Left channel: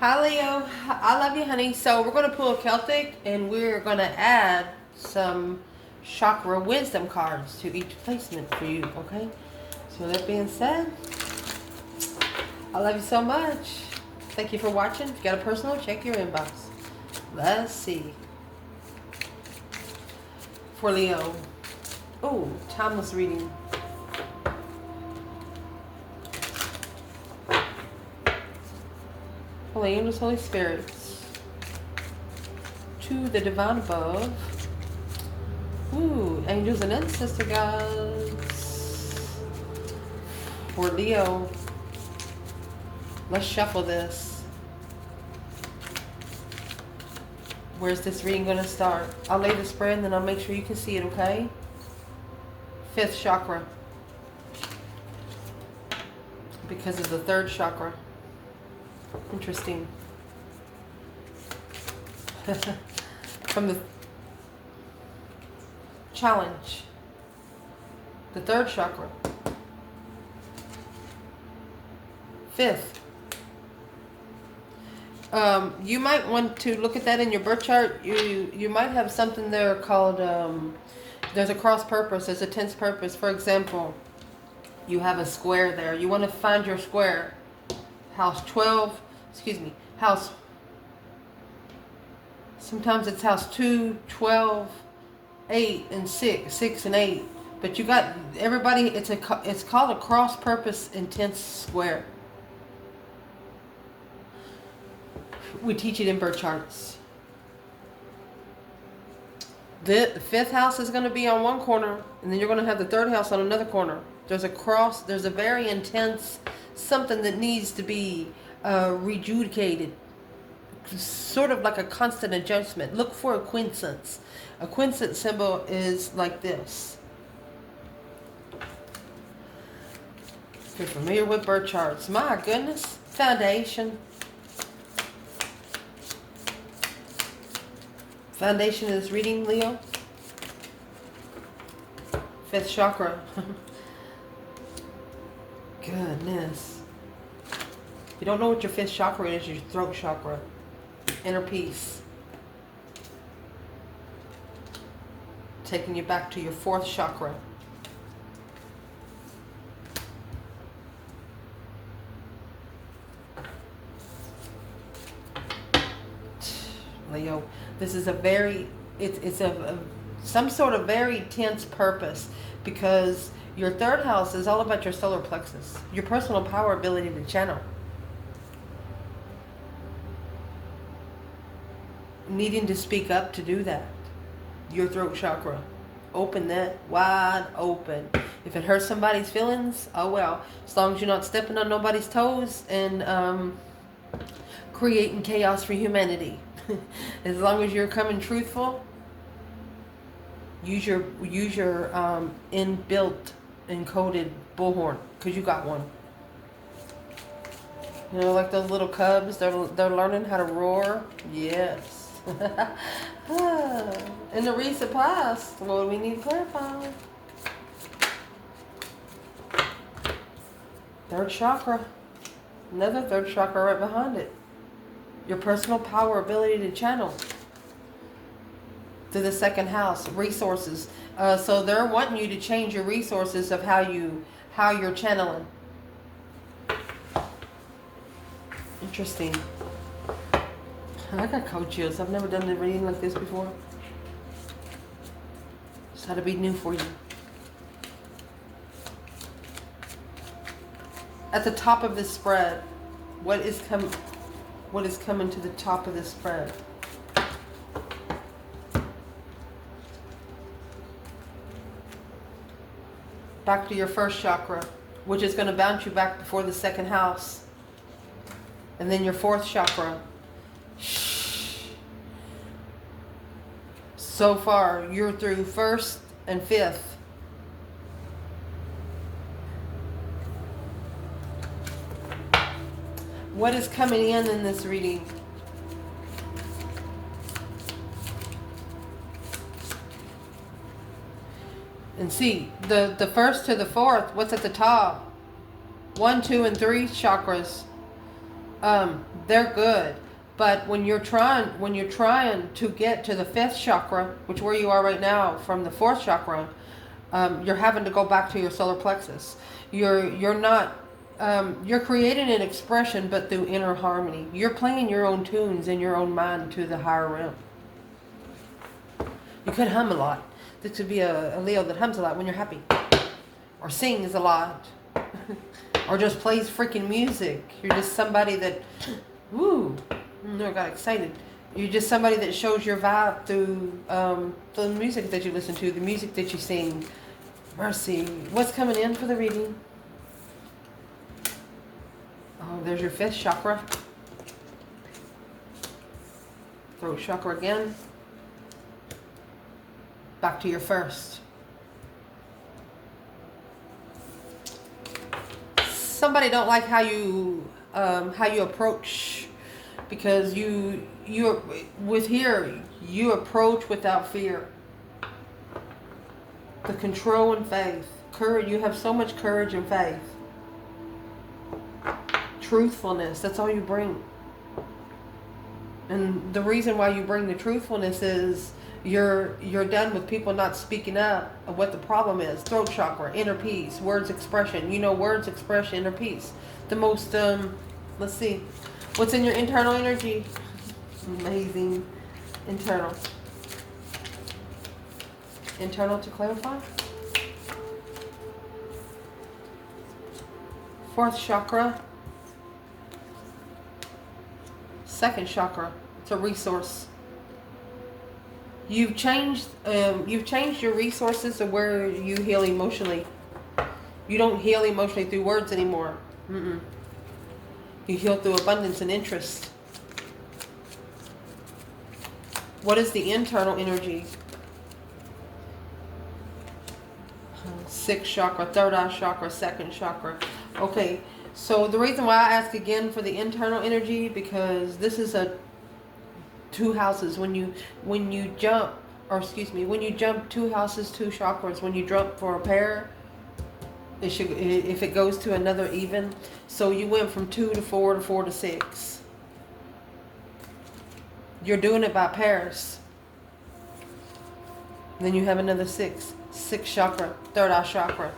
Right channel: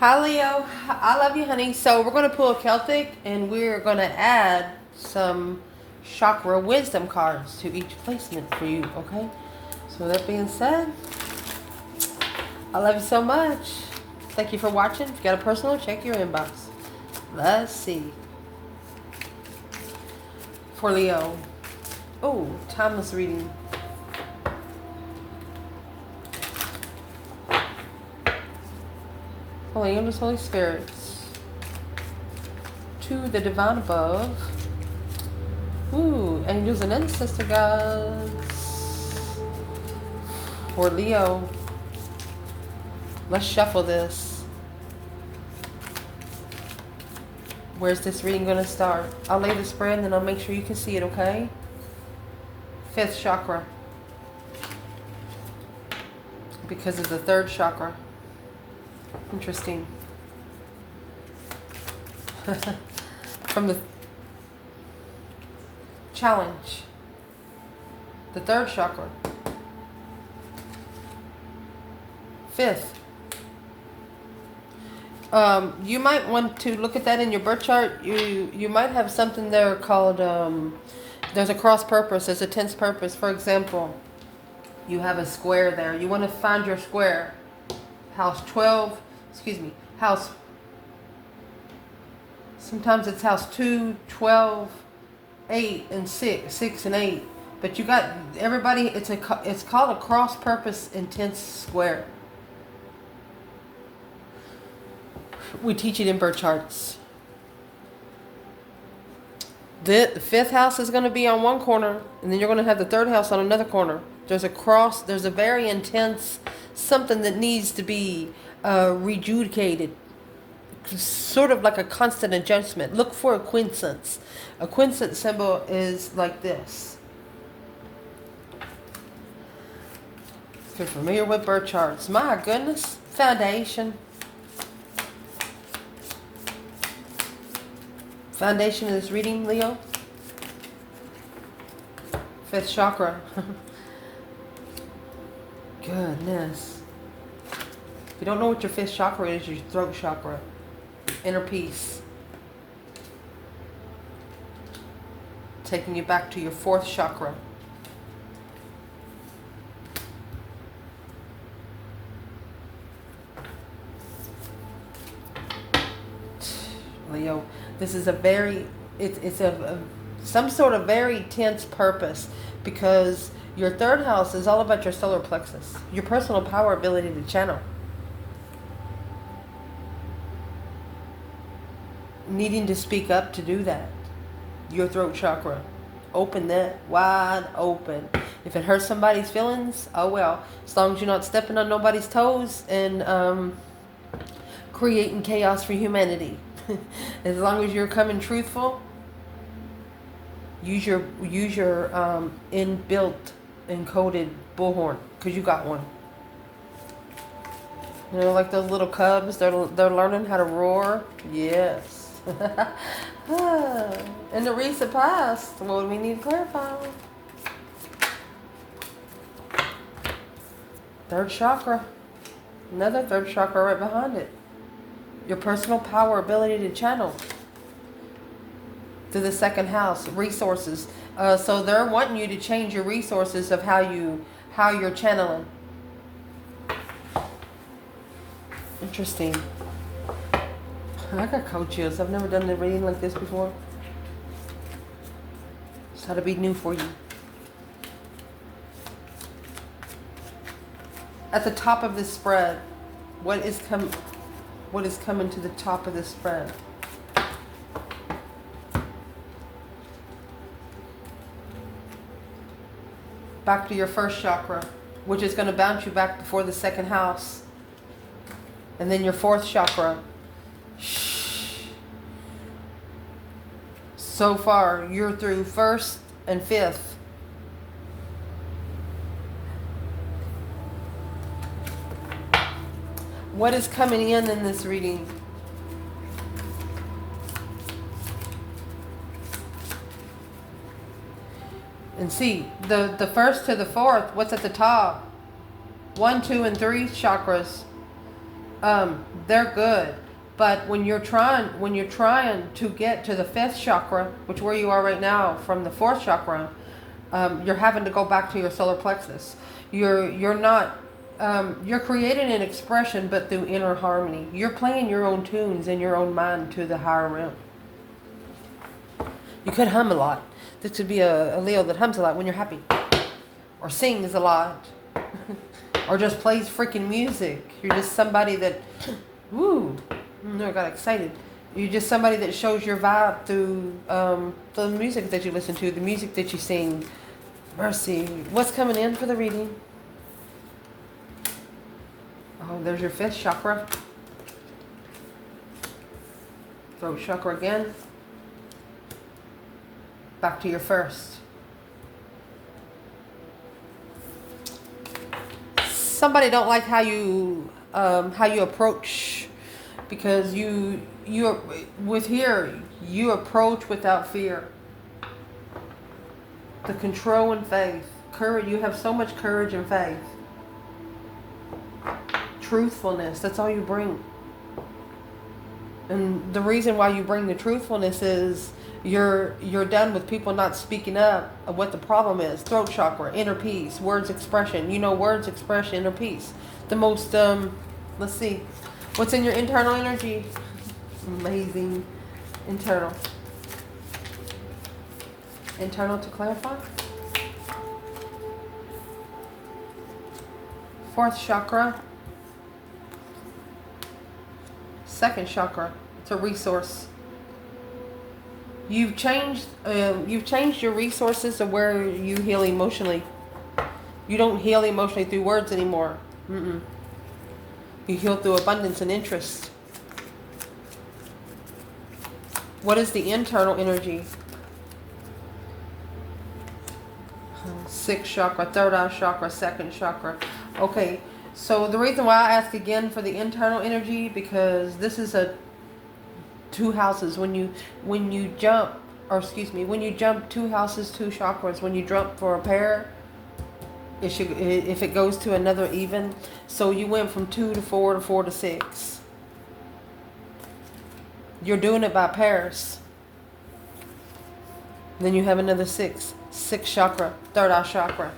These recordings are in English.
Hi Leo, I love you, honey. So we're going to pull a Celtic and we're going to add some chakra wisdom cards to each placement for you, okay? So with that being said, I love you so much. Thank you for watching. If you got a personal, check your inbox. Let's see. For Leo. Oh, timeless reading. Holy angels, Holy Spirits. To the divine above. Ooh, angels and ancestor gods. For Leo. Let's shuffle this. Where's this reading going to start? I'll lay the spread and then I'll make sure you can see it, okay? Fifth chakra. Because of the third chakra. Interesting. From the challenge. The third chakra. Fifth. You might want to look at that in your birth chart. You might have something there called, there's a cross purpose, there's a tense purpose. For example, you have a square there. You want to find your square. House 12, house, sometimes it's house 2, 12, 8, and 6 and 8. But you got, everybody, it's called a cross purpose intense square. We teach it in birth charts. The fifth house is going to be on one corner, and then you're going to have the third house on another corner. There's a cross, there's a very intense something that needs to be rejudicated. Sort of like a constant adjustment. Look for a quincunx. A quincunx symbol is like this. If you're familiar with birth charts, my goodness, foundation. Foundation of this reading, Leo. Fifth chakra. Goodness. If you don't know what your fifth chakra is, your throat chakra. Inner peace. Taking you back to your fourth chakra. Leo, this is a very, it's some sort of very tense purpose, because your third house is all about your solar plexus, your personal power, ability to channel. Needing to speak up to do that. Your throat chakra. Open that wide open. If it hurts somebody's feelings, oh well. As long as you're not stepping on nobody's toes and creating chaos for humanity. As long as you're coming truthful, use your inbuilt encoded bullhorn, because you got one. You know, like those little cubs, they're learning how to roar. Yes. In the recent past, what do we need to clarify? Third chakra. Another third chakra right behind it. Your personal power, ability to channel. To the second house, resources. So they're wanting you to change your resources of how you're channeling. Interesting. I got cold chills. I've never done a reading like this before. It's got to be new for you. At the top of this spread, what is coming to the top of this spread? Back to your first chakra, which is going to bounce you back before the second house. And then your fourth chakra. So far, you're through first and fifth. What is coming in this reading? And see, the first to the fourth, what's at the top? 1, 2, and 3 chakras. they're good. But when you're trying to get to the fifth chakra, which where you are right now from the fourth chakra, you're having to go back to your solar plexus. You're not you're creating an expression, but through inner harmony. You're playing your own tunes in your own mind to the higher realm. You could hum a lot. This would be a Leo that hums a lot when you're happy, or sings a lot, or just plays freaking music. You're just somebody that, woo, I got excited. You're just somebody that shows your vibe through the music that you listen to, the music that you sing. Mercy. What's coming in for the reading? Oh, there's your fifth chakra. Throat chakra again. Back to your first. Somebody don't like how you approach, because you approach without fear. The control and faith. Courage. You have so much courage and faith. Truthfulness. That's all you bring. And the reason why you bring the truthfulness is you're done with people not speaking up of what the problem is. Throat chakra, inner peace, words expression. Words expression, inner peace. The most let's see. What's in your internal energy? Amazing. Internal. Internal to clarify. Fourth chakra. Second chakra. It's a resource. You've changed your resources to where you heal emotionally. You don't heal emotionally through words anymore. You heal through abundance and interest. What is the internal energy? Sixth chakra, third eye chakra, second chakra. Okay, so the reason why I ask again for the internal energy, because this is two houses. When you jump 2 houses, 2 chakras, when you jump for a pair, if it goes to another even. So you went from 2 to 4 to 4 to 6. You're doing it by pairs. Then you have another 6. Sixth chakra, third eye chakra.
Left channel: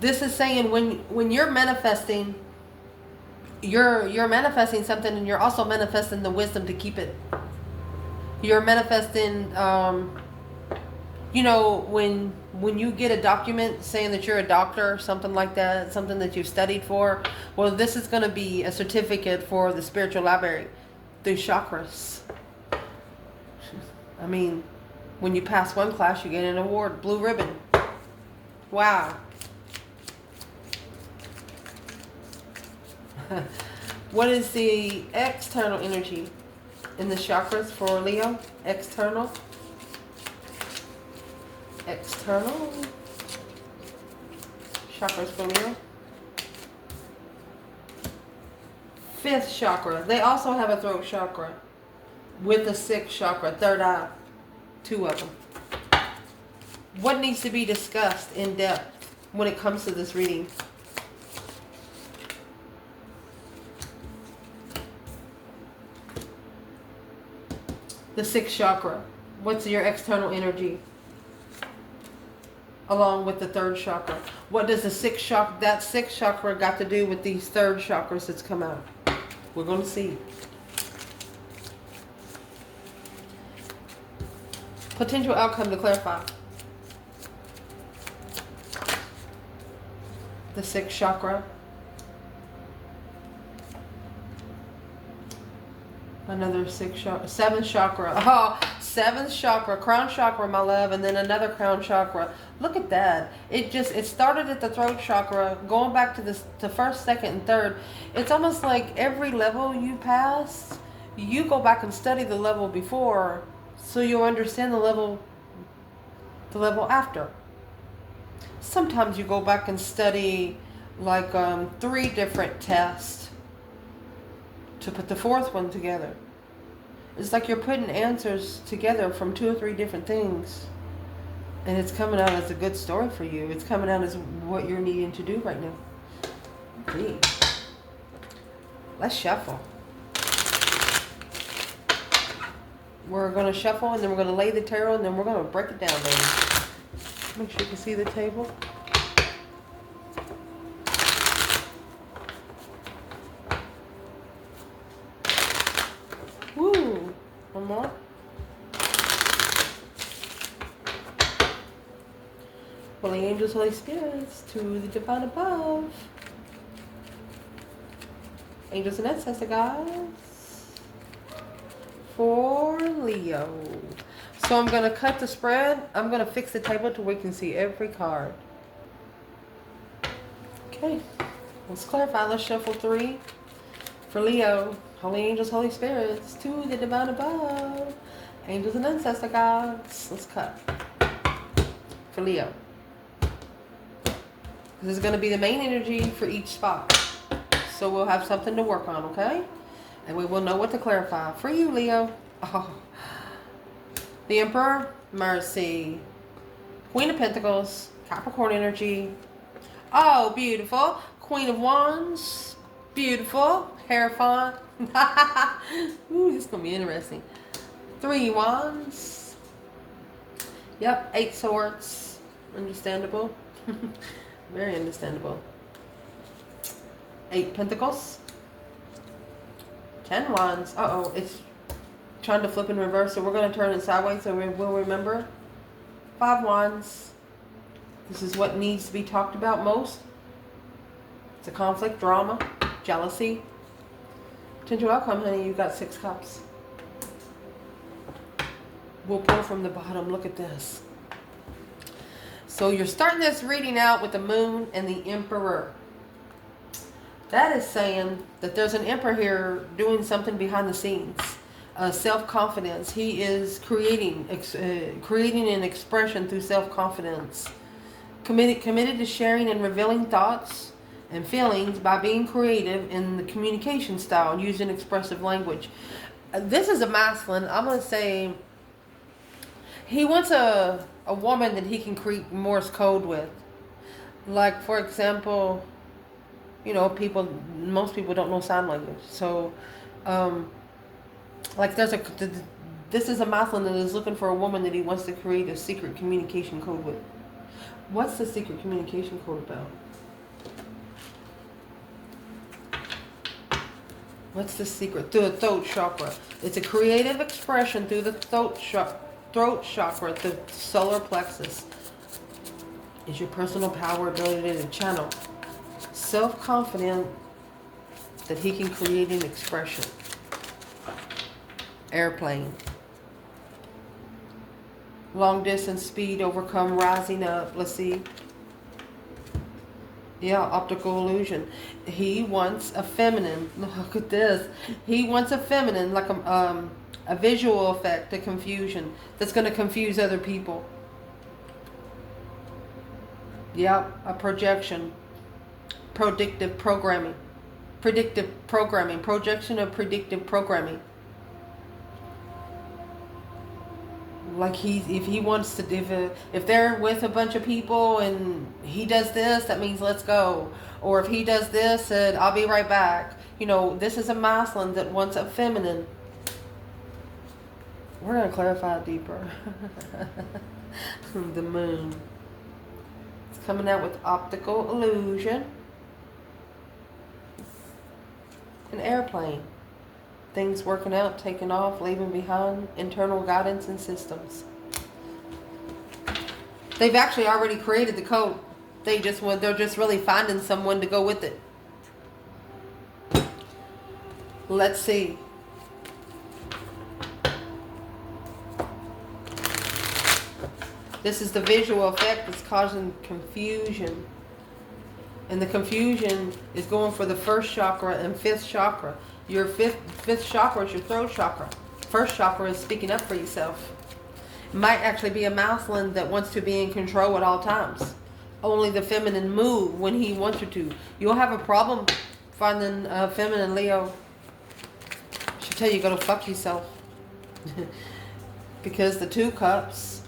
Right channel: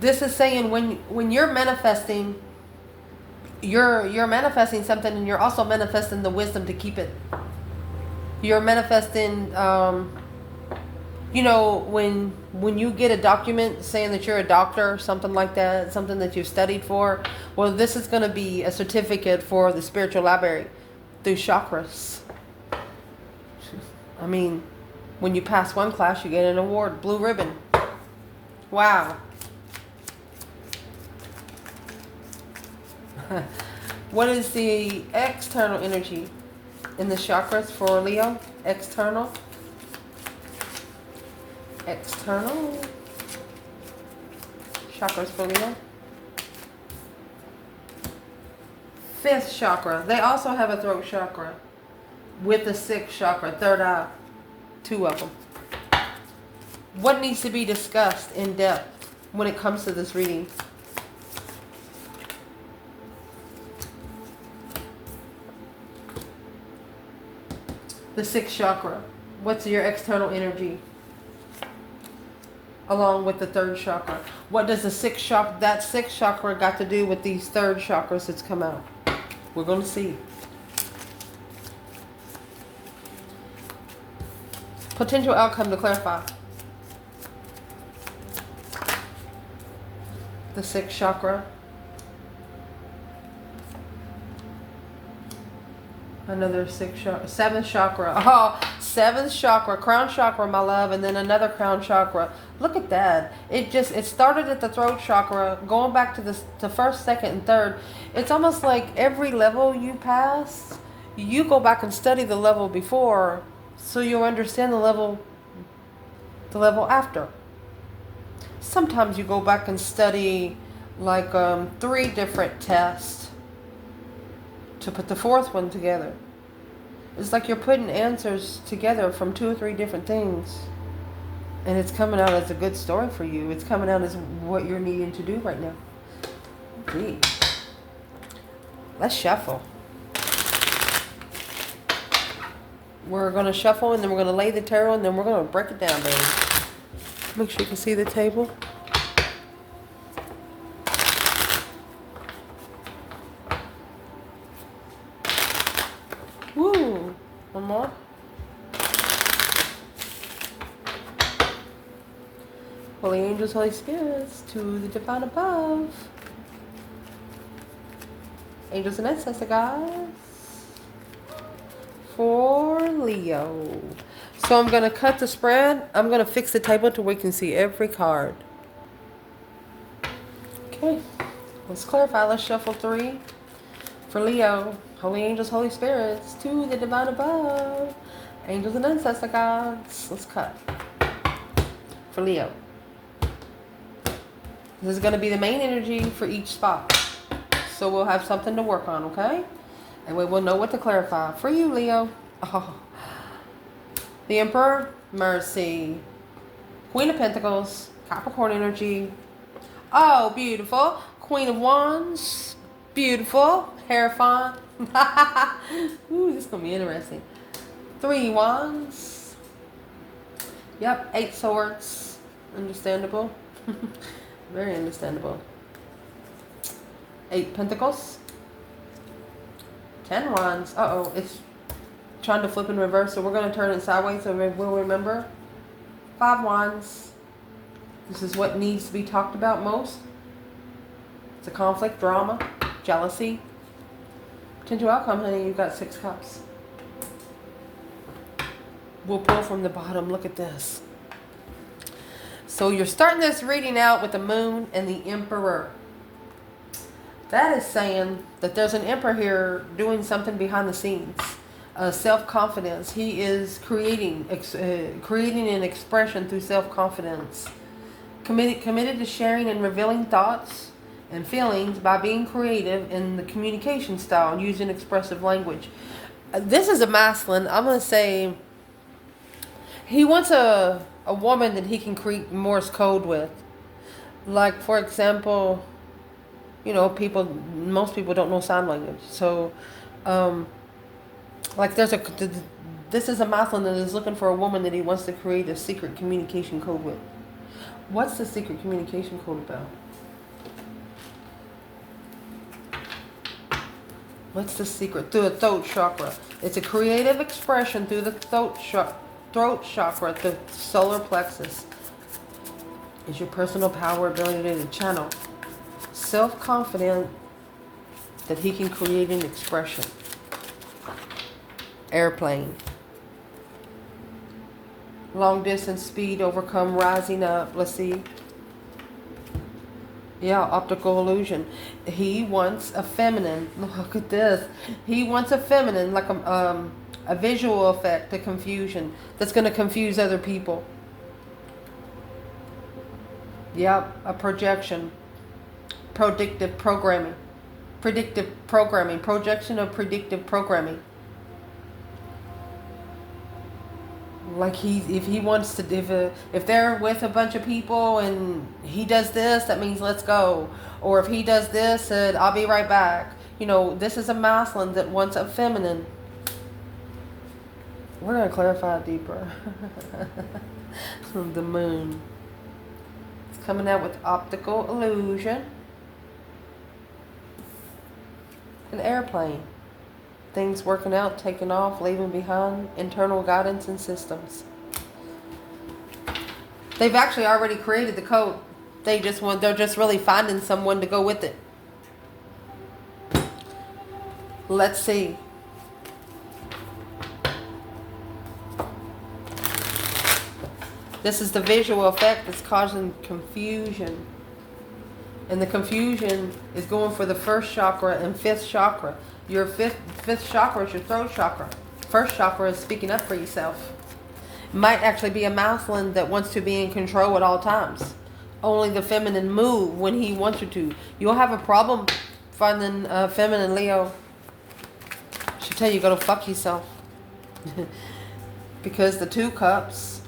This is saying when you're manifesting, you're manifesting something, and you're also manifesting the wisdom to keep it. You're manifesting, when you get a document saying that you're a doctor or something like that, something that you've studied for, well, this is going to be a certificate for the spiritual library through chakras. I mean, when you pass one class, you get an award, blue ribbon. Wow. What is the external energy in the chakras for Leo? External. Chakras for Leo. Fifth chakra. They also have a throat chakra with the sixth chakra, third eye. 2 of them. What needs to be discussed in depth when it comes to this reading? The sixth chakra. What's your external energy? Along with the third chakra. What does the sixth chakra got to do with these third chakras that's come out? We're going to see. Potential outcome to clarify. The sixth chakra. Another sixth chakra. Seventh chakra. Oh, seventh chakra. Crown chakra, my love. And then another crown chakra. Look at that. It started at the throat chakra, going back to the first, second, and third. It's almost like every level you pass, you go back and study the level before, so you'll understand the level after. Sometimes you go back and study like 3 different tests to put the 4th one together. It's like you're putting answers together from 2 or 3 different things. And it's coming out as a good story for you. It's coming out as what you're needing to do right now. Gee. Let's shuffle. We're going to shuffle, and then we're going to lay the tarot, and then we're going to break it down, baby. Make sure you can see the table. Woo! One more. Holy angels, Holy spirits, to the divine above. Angels and ancestor guys. For Leo. So I'm going to cut the spread. I'm going to fix the table so we can see every card. Okay. Let's clarify. Let's shuffle 3. For Leo. Holy angels, Holy spirits, to the divine above. Angels and ancestor gods. Let's cut. For Leo. This is going to be the main energy for each spot. So we'll have something to work on, okay? And we will know what to clarify. For you, Leo. Oh. The Emperor, Mercy. Queen of Pentacles, Capricorn energy. Oh, beautiful. Queen of Wands. Beautiful. Hierophant. Ooh, this is going to be interesting. 3 Wands. Yep, 8 Swords. Understandable. Very understandable. 8 Pentacles. 10 Wands. Uh-oh, it's trying to flip in reverse, so we're going to turn it sideways so we'll remember. 5 Wands. This is what needs to be talked about most. It's a conflict, drama, jealousy. Potential outcome, honey, you've got 6 Cups. We'll pull from the bottom. Look at this. So you're starting this reading out with the Moon and the Emperor. That is saying that there's an Emperor here doing something behind the scenes. Self-confidence. He is creating an expression through self-confidence. Committed to sharing and revealing thoughts and feelings by being creative in the communication style, using expressive language. This is a masculine. I'm going to say he wants a woman that he can create Morse code with. Like, for example, you know, most people don't know sign language. So, like this is a masculine that is looking for a woman that he wants to create a secret communication code with. What's the secret communication code about? What's the secret? Through the throat chakra. It's a creative expression through the throat chakra, the solar plexus. Is your personal power, ability to channel. Self-confident that he can create an expression. Airplane. Long distance speed, overcome, rising up. Let's see. Yeah, optical illusion. He wants a feminine. Look at this. He wants a feminine, like a visual effect, a confusion that's going to confuse other people. Yep, a projection. Predictive programming. Projection of predictive programming. Like if they're with a bunch of people and he does this, that means let's go. Or if he does this, I'll be right back. You know, this is a masculine that wants a feminine. We're going to clarify it deeper. The Moon. It's coming out with optical illusion. An airplane. Things working out, taking off, leaving behind, internal guidance and systems. They've actually already created the code. They're just really finding someone to go with it. Let's see. This is the visual effect that's causing confusion. And the confusion is going for the first chakra and fifth chakra. Your fifth chakra is your throat chakra. First chakra is speaking up for yourself. It might actually be a masculine that wants to be in control at all times. Only the feminine move when he wants you to. You'll have a problem finding a feminine, Leo. She'll tell you go to fuck yourself. Because the 2 Cups,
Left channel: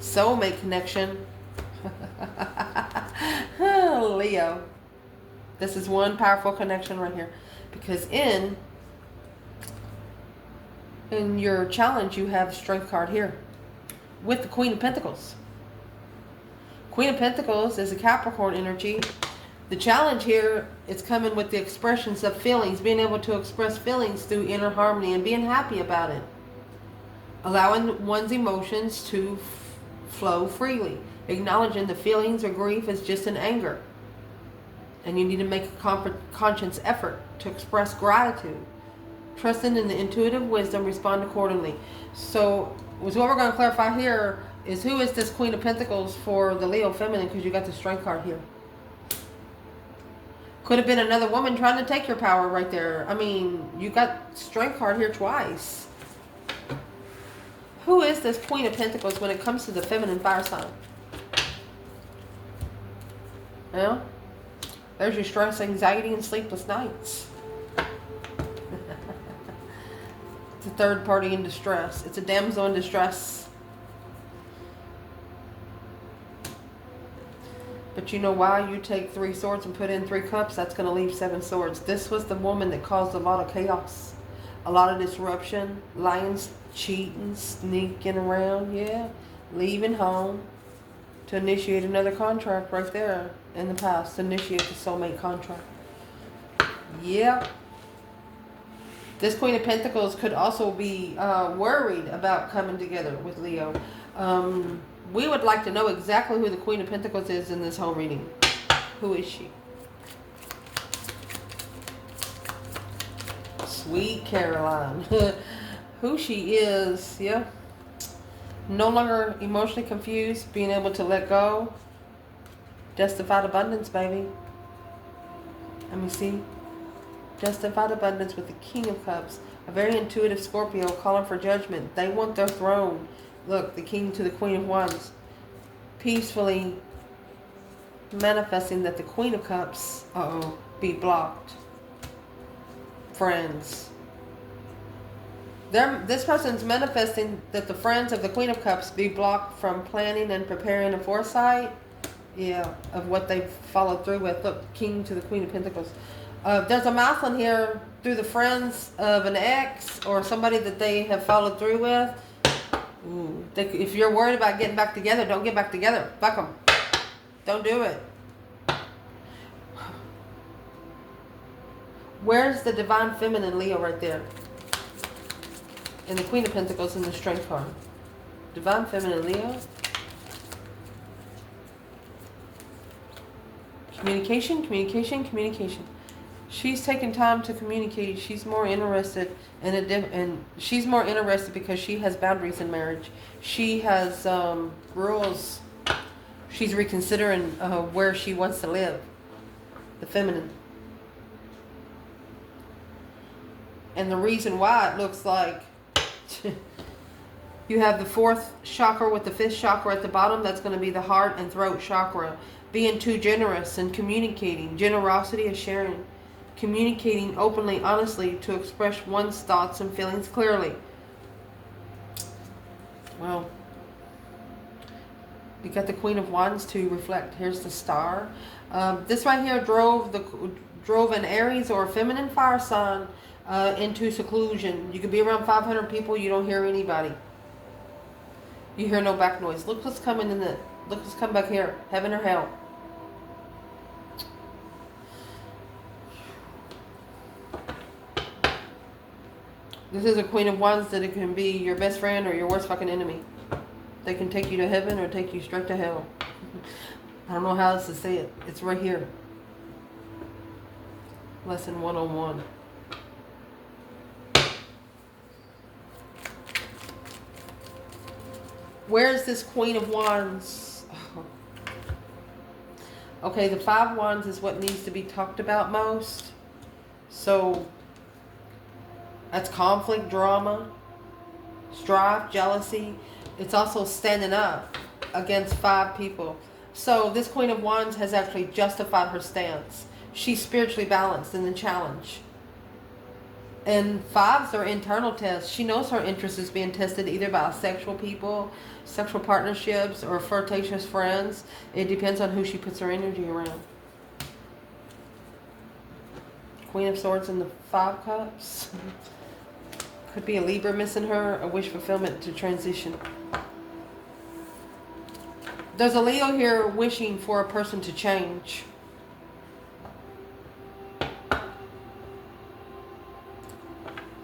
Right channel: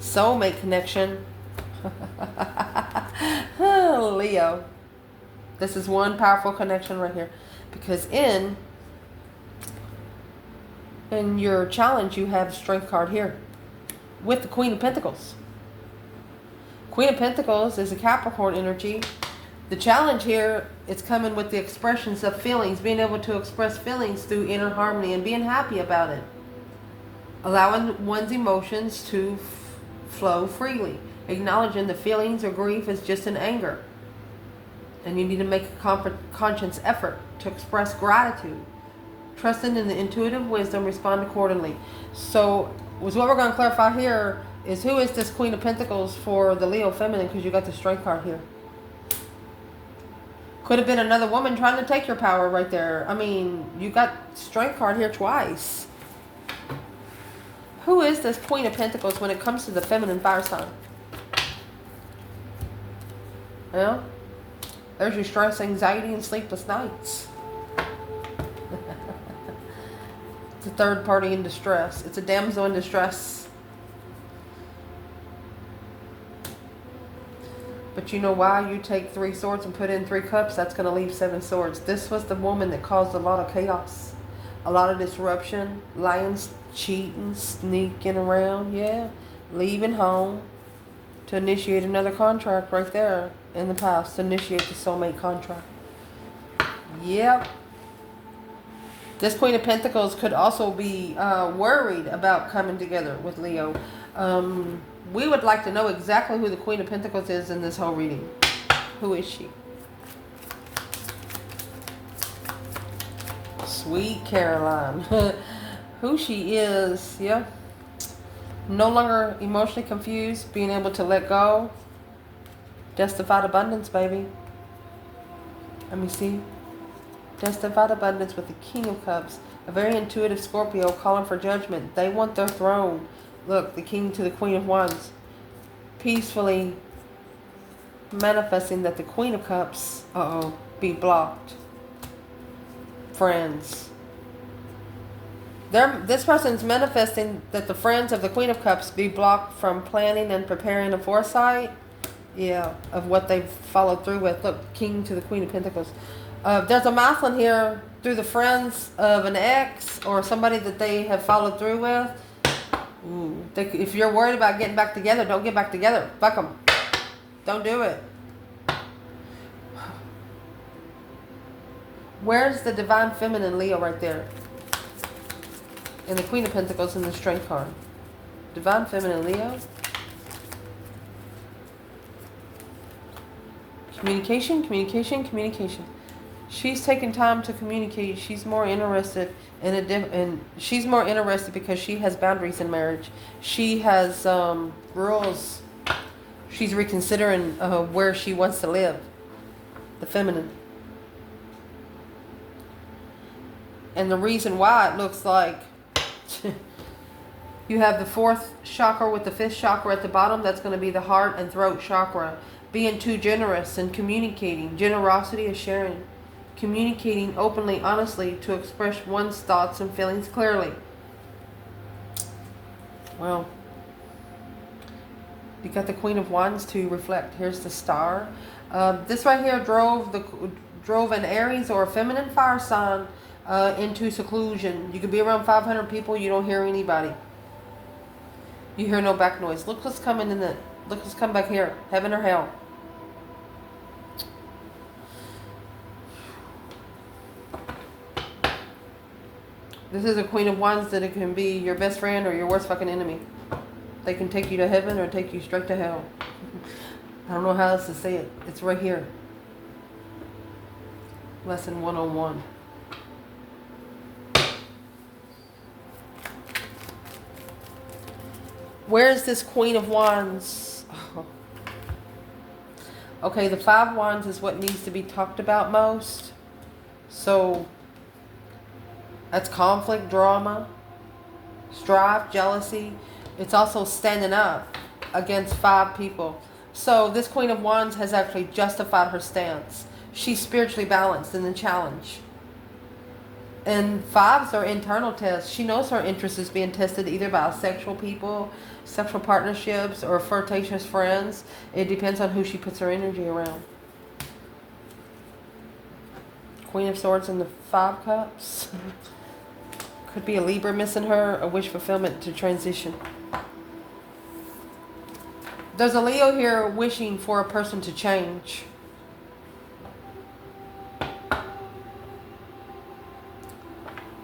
soulmate connection. Leo. This is one powerful connection right here. Because in your challenge, you have Strength card here with the Queen of Pentacles. Queen of Pentacles is a Capricorn energy. The challenge here is coming with the expressions of feelings, being able to express feelings through inner harmony and being happy about it. Allowing one's emotions to flow freely. Acknowledging the feelings or grief is just an anger. And you need to make a conscious effort to express gratitude. Trusting in the intuitive wisdom, respond accordingly. So, what we're going to clarify here is who is this Queen of Pentacles for the Leo feminine, because you got the Strength card here. Could have been another woman trying to take your power right there. I mean, you got Strength card here twice. Who is this Queen of Pentacles when it comes to the feminine fire sign? Well, there's your stress, anxiety, and sleepless nights. It's a third party in distress. It's a damsel in distress. But you know why? You take 3 swords and put in 3 cups, that's going to leave 7 swords. This was the woman that caused a lot of chaos. A lot of disruption. Lying, cheating, sneaking around. Yeah. Leaving home to initiate another contract right there in the past. To initiate the soulmate contract. Yeah. This Queen of Pentacles could also be worried about coming together with Leo. We would like to know exactly who the Queen of Pentacles is in this whole reading. Who is she? Sweet Caroline. Who she is, yeah. No longer emotionally confused, being able to let go. Justified abundance, baby. Let me see. Justified abundance with the King of Cups. A very intuitive Scorpio calling for judgment. They want their throne. Look, the King to the Queen of Wands. Peacefully manifesting that the Queen of Cups, be blocked. Friends. This person's manifesting that the friends of the Queen of Cups be blocked from planning and preparing a foresight. Yeah, of what they've followed through with. Look, King to the Queen of Pentacles. There's a mouth in here through the friends of an ex or somebody that they have followed through with. Ooh, if you're worried about getting back together, don't get back together. Fuck them. Don't do it. Where's the Divine Feminine Leo right there? And the Queen of Pentacles in the Strength card. Divine Feminine Leo. Communication, communication, communication. She's taking time to communicate. She's more interested in she's more interested because she has boundaries in marriage. She has rules. She's reconsidering where she wants to live. The feminine. And the reason why it looks like you have the 4th chakra with the 5th chakra at the bottom. That's going to be the heart and throat chakra. Being too generous and communicating. Generosity is sharing. Communicating openly, honestly, to express one's thoughts and feelings clearly. Well, you got the Queen of Wands to reflect. Here's the Star. This right here drove an Aries or a feminine fire sign into seclusion. You could be around 500 people. You don't hear anybody. You hear no back noise. Look what's coming in the. Look what's come back here. Heaven or hell. This is a Queen of Wands that it can be your best friend or your worst fucking enemy. They can take you to heaven or take you straight to hell. I don't know how else to say it. It's right here. Lesson 101. Where is this Queen of Wands? Oh. Okay, the 5 Wands is what needs to be talked about most. So that's conflict, drama, strife, jealousy. It's also standing up against 5 people. So this Queen of Wands has actually justified her stance. She's spiritually balanced in the challenge. And 5s are internal tests. She knows her interest is being tested either by sexual people, sexual partnerships, or flirtatious friends. It depends on who she puts her energy around. Queen of Swords and the Five Cups. Could be a Libra missing her, a wish fulfillment to transition. There's a Leo here wishing for a person to change.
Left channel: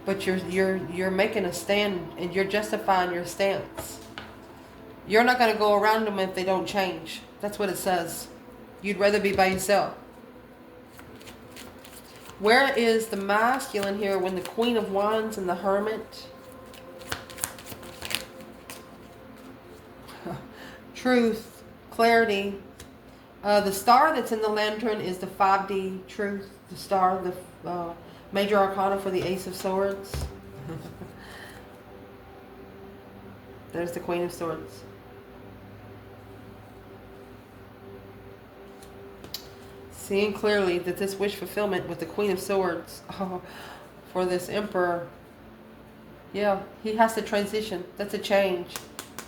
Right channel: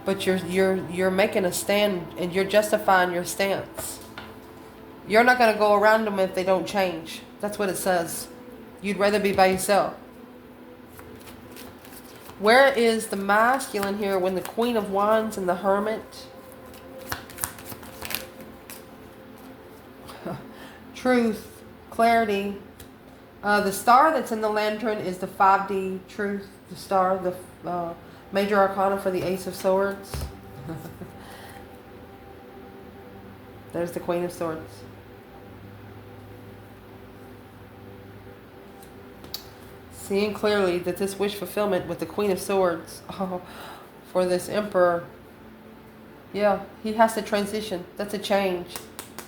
But you're making a stand and you're justifying your stance. You're not going to go around them if they don't change. That's what it says. You'd rather be by yourself. Where is the masculine here when the Queen of Wands and the Hermit? Truth, clarity. The star that's in the lantern is the 5D truth. The star, the major arcana for the Ace of Swords. There's the Queen of Swords. Seeing clearly that this wish fulfillment with the Queen of Swords, for this Emperor, yeah, he has to transition. That's a change.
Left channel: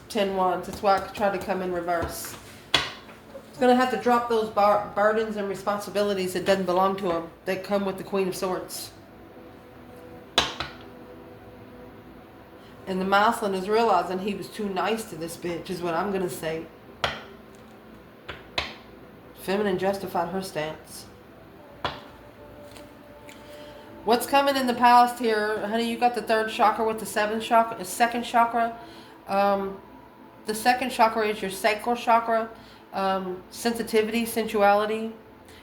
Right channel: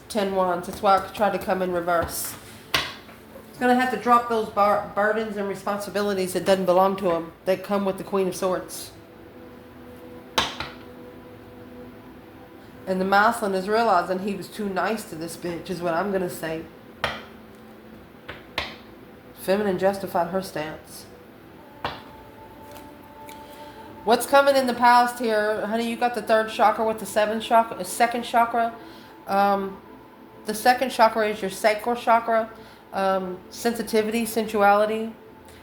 10 Wands. That's why I tried to come in reverse. He's going to have to drop those burdens and responsibilities that doesn't belong to him, that come with the Queen of Swords. And the masculine is realizing he was too nice to this bitch, is what I'm going to say. Feminine justified her stance. What's coming in the past here, honey? You got the third chakra with the second chakra. The second chakra is your sacral chakra. Sensitivity, sensuality.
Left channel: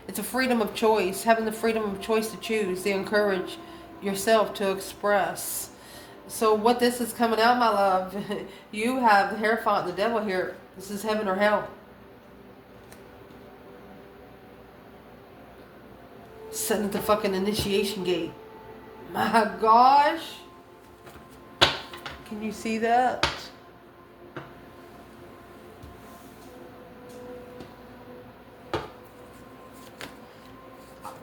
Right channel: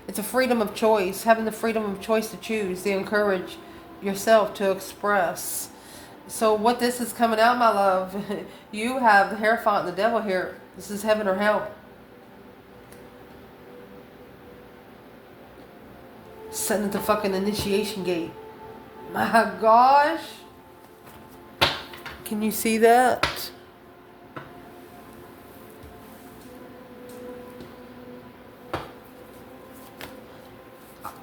It's a freedom of choice, having the freedom of choice to choose, to encourage yourself to express. So what this is coming out, my love, you have the Hierophant and the Devil here. This is heaven or hell. Sitting at the fucking initiation gate. My gosh. Can you see that?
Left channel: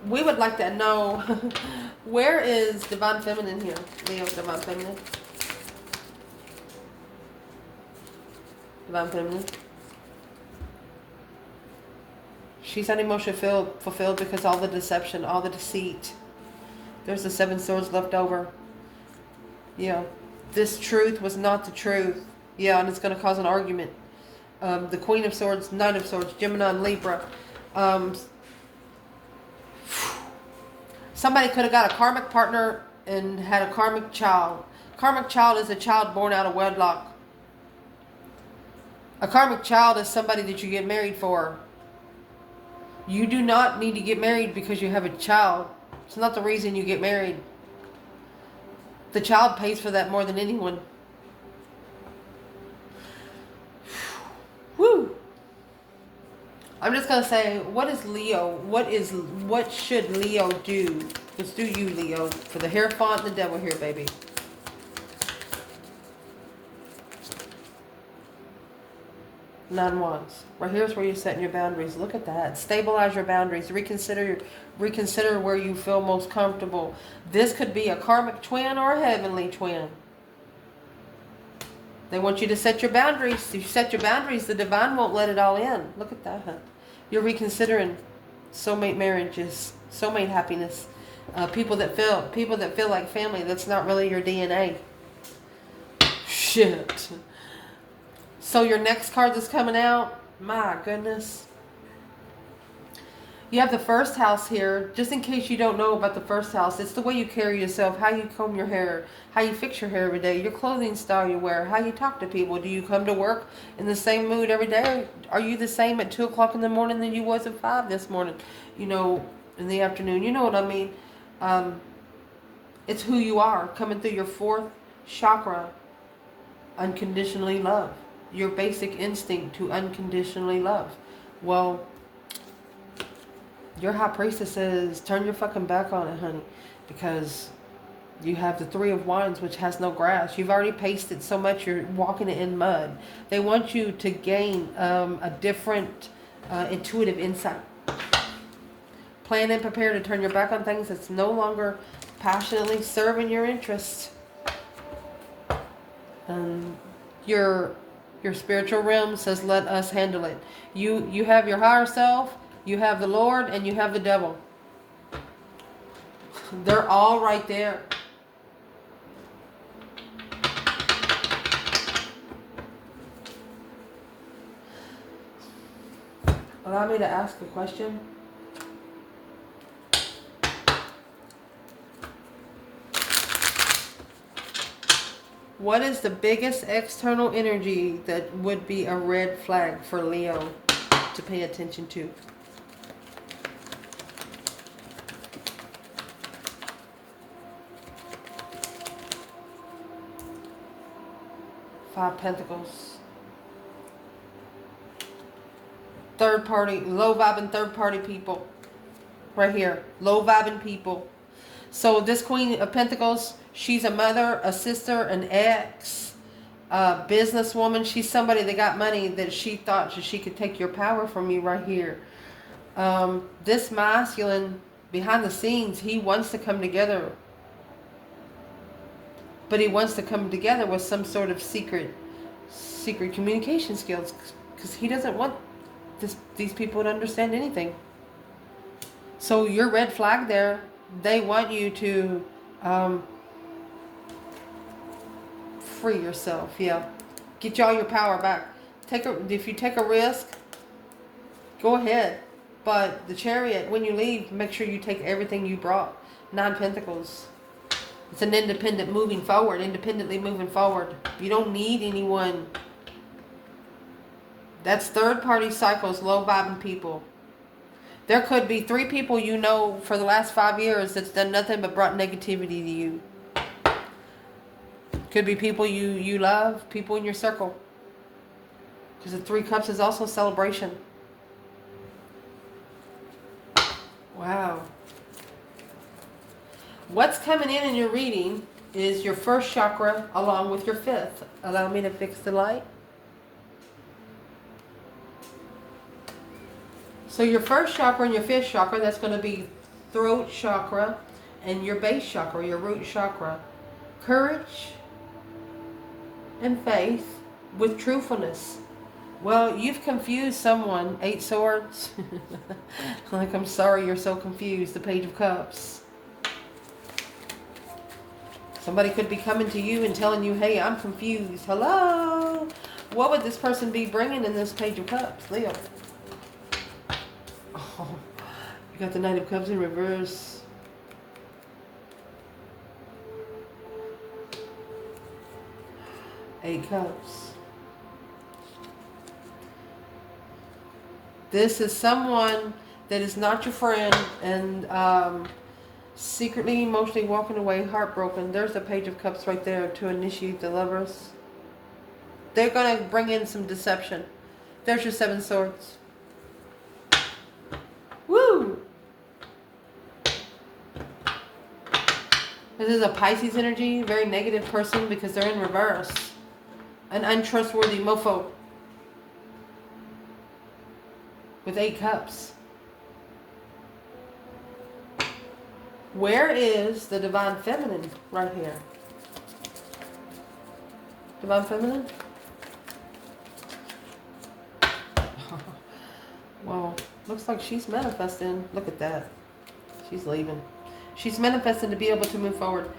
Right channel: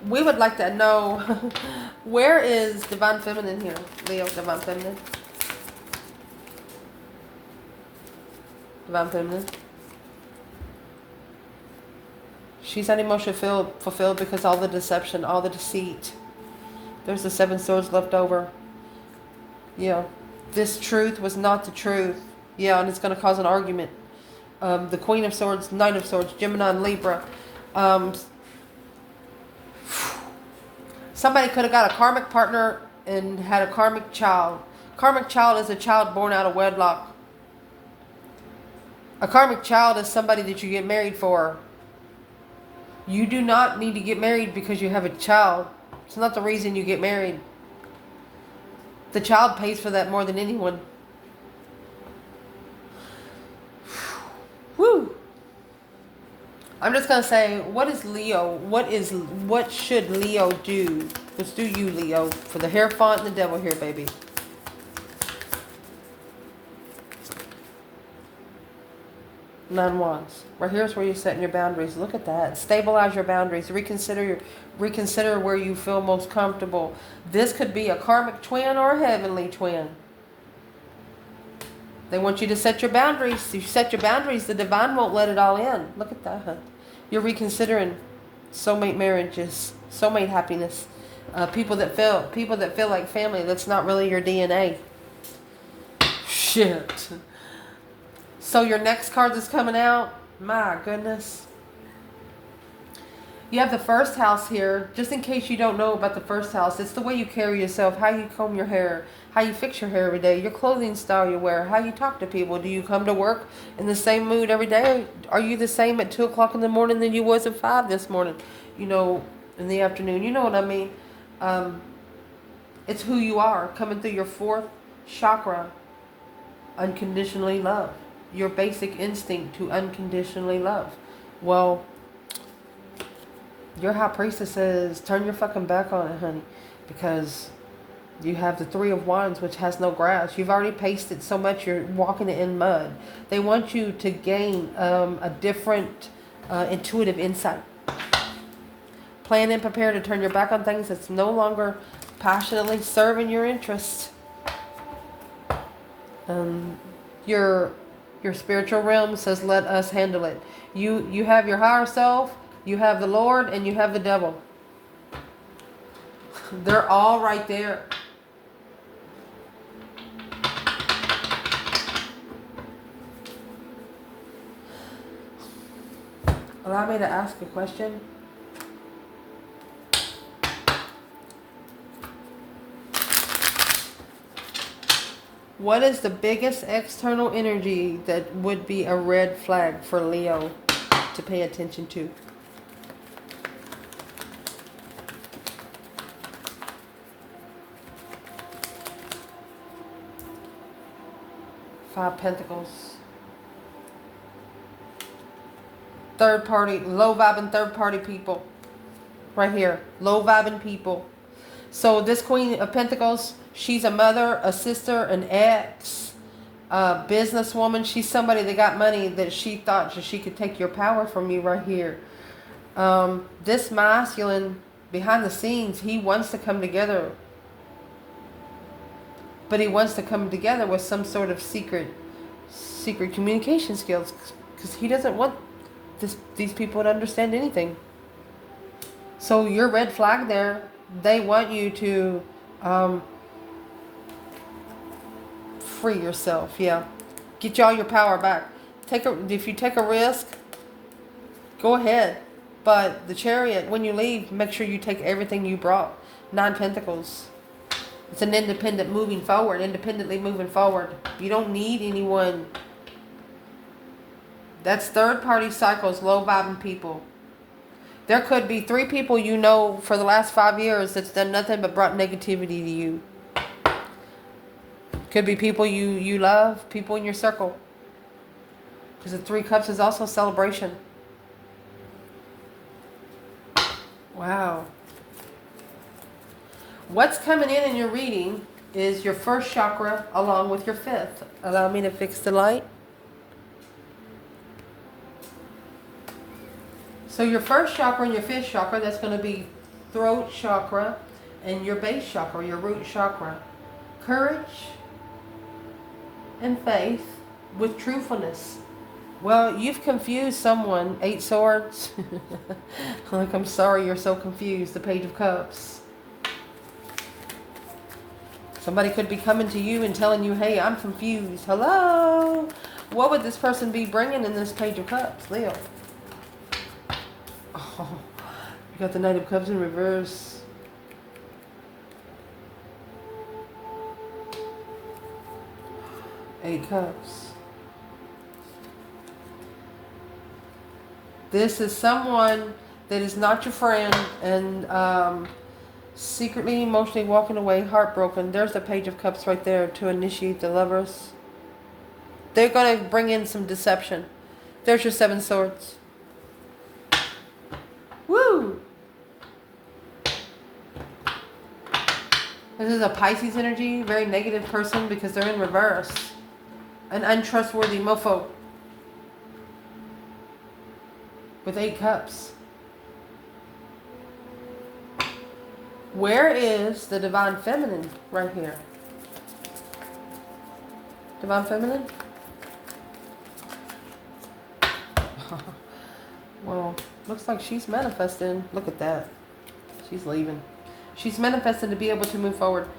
We would like to know, where is Divine Feminine here? Leo, Divine Feminine. Divine Feminine. She's unemotionally fulfilled because all the deception, all the deceit. There's the 7 swords left over. Yeah. This truth was not the truth. Yeah, and it's going to cause an argument. The Queen of Swords, Knight of Swords, Gemini and Libra. Somebody could have got a karmic partner and had a karmic child. Karmic child is a child born out of wedlock. A karmic child is somebody that you get married for. You do not need to get married because you have a child. It's not the reason you get married. The child pays for that more than anyone. Woo! I'm just going to say, what is Leo? What should Leo do? Let's do you, Leo, for the Hierophant and the Devil here, baby. Nine Wands. Right here's where you're setting your boundaries. Look at that. Stabilize your boundaries. Reconsider where you feel most comfortable. This could be a karmic twin or a heavenly twin. They want you to set your boundaries. If you set your boundaries, the divine won't let it all in. Look at that. You're reconsidering soulmate marriages, soulmate happiness. People that feel like family. That's not really your DNA. Shit. So your next card that's coming out, my goodness. You have the first house here. Just in case you don't know about the first house, it's the way you carry yourself, how you comb your hair, how you fix your hair every day, your clothing style you wear, how you talk to people. Do you come to work in the same mood every day? Are you the same at 2 o'clock in the morning than you was at 5 this morning? You know, in the afternoon. You know what I mean? It's who you are, coming through your 4th chakra. Unconditionally love. Your basic instinct to unconditionally love. Well, your high priestess says, turn your fucking back on it, honey. Because you have the 3 of Wands, which has no grass. You've already pasted so much, you're walking it in mud. They want you to gain a different intuitive insight. Plan and prepare to turn your back on things that's no longer passionately serving your interests. Your spiritual realm says, let us handle it. You have your higher self, you have the Lord, and you have the devil. They're all right there. Allow me to ask a question. What is the biggest external energy that would be a red flag for Leo to pay attention to? Five Pentacles. Third party, low vibing third party people. Right here, low vibing people. So this Queen of Pentacles, she's a mother, a sister, an ex, a businesswoman. She's somebody that got money that she thought that she could take your power from you right here. This masculine, behind the scenes, he wants to come together. But he wants to come together with some sort of secret communication skills. Because he doesn't want these people to understand anything. So your red flag there, they want you to free yourself. Yeah, get all your power back. If you take a risk, go ahead. But the Chariot, when you leave, make sure you take everything you brought. Nine Pentacles. It's an independent moving forward. Independently moving forward. You don't need anyone. That's third party cycles, low vibing people. There could be 3 people you know for the last 5 years that's done nothing but brought negativity to you. Could be people you love, people in your circle. Because the 3 Cups is also celebration. Wow. What's coming in your reading is your first chakra along with your 5th. Allow me to fix the light. So your first chakra and your 5th chakra, that's going to be throat chakra and your base chakra, your root chakra. Courage and faith with truthfulness. Well, you've confused someone. 8 Swords. Like, I'm sorry you're so confused. The Page of Cups. Somebody could be coming to you and telling you, hey, I'm confused. Hello? What would this person be bringing in this Page of Cups, Leo? Oh, you got the Knight of Cups in reverse. Eight Cups. This is someone that is not your friend and secretly, emotionally walking away, heartbroken. There's the Page of Cups right there to initiate the lovers. They're going to bring in some deception. There's your 7 Swords. Woo! This is a Pisces energy, very negative person because they're in reverse. An untrustworthy mofo. With 8 Cups. Where is the Divine Feminine right here? Divine Feminine? Well, looks like she's manifesting. Look at that. She's leaving. She's manifesting to be able to move forward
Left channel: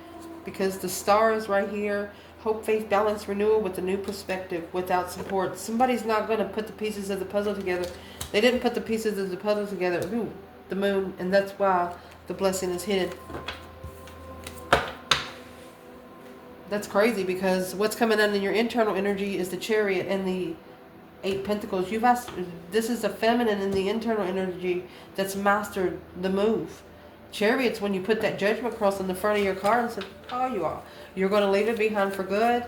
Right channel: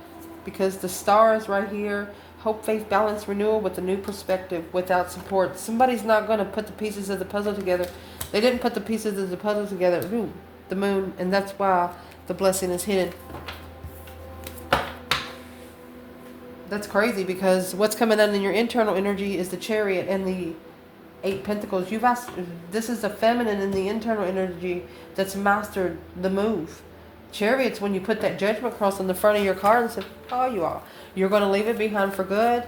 because the star is right here. Hope, faith, balance, renewal with a new perspective without support. Somebody's not going to put the pieces of the puzzle together. They didn't put the pieces of the puzzle together. Ooh, the moon, and that's why the blessing is hidden. That's crazy because what's coming in your internal energy is the Chariot and the 8 Pentacles. You've asked, this is a feminine in the internal energy that's mastered the move. Chariot's when you put that judgment cross on the front of your car and say, oh, you're going to leave it behind for good.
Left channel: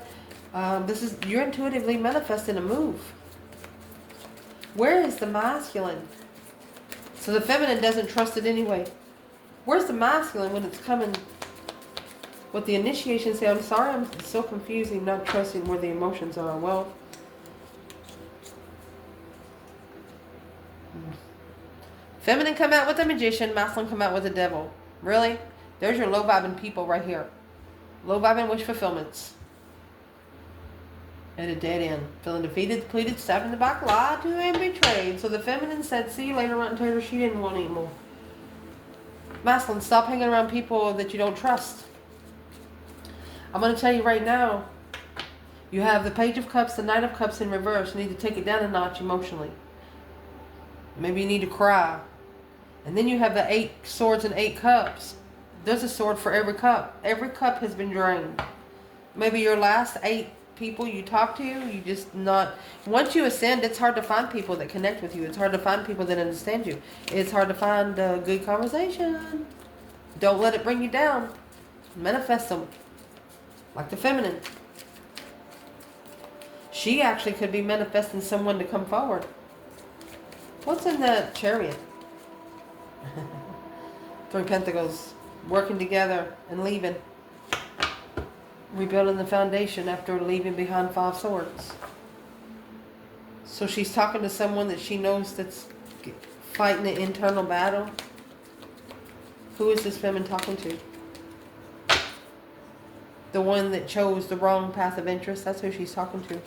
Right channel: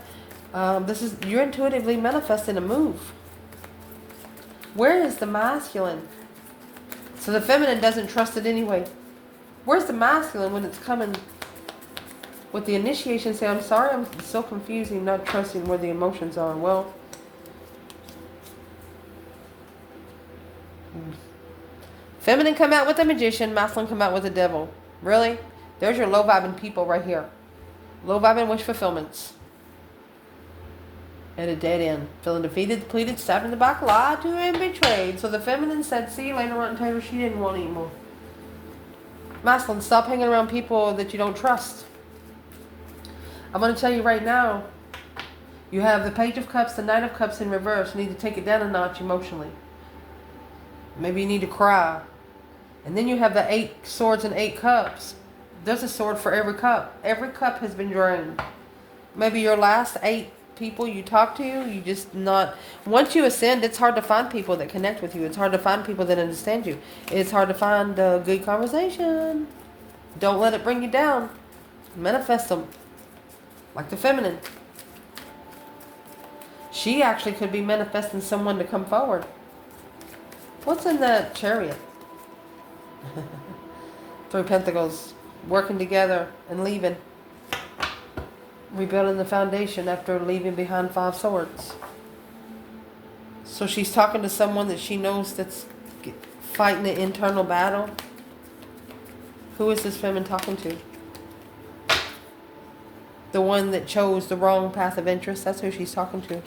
You're intuitively manifesting a move. Where is the masculine? So the feminine doesn't trust it anyway. Where's the masculine when it's coming with the initiation? Say, I'm sorry, I'm so confusing, not trusting where the emotions are. Well, feminine come out with the Magician, masculine come out with the Devil. Really? There's your low vibing people right here. Low vibing wish fulfillments. At a dead end. Feeling defeated, depleted, stabbed in the back, lied to and betrayed. So the feminine said, see you later, rotten tater. She didn't want anymore. Masculine, stop hanging around people that you don't trust. I'm going to tell you right now, you have the Page of Cups, the Knight of Cups in reverse. You need to take it down a notch emotionally. Maybe you need to cry. And then you have the 8 Swords and 8 Cups. There's a sword for every cup. Every cup has been drained. Maybe your last 8 people you talk to, you just not... Once you ascend, it's hard to find people that connect with you. It's hard to find people that understand you. It's hard to find a good conversation. Don't let it bring you down. Manifest them. Like the feminine. She actually could be manifesting someone to come forward. What's in that Chariot? 3 Pentacles. Working together and leaving. Rebuilding the foundation after leaving behind 5 Swords. So she's talking to someone that she knows that's fighting an internal battle. Who is this feminine talking to? The one that chose the wrong path of interest. That's who she's talking to.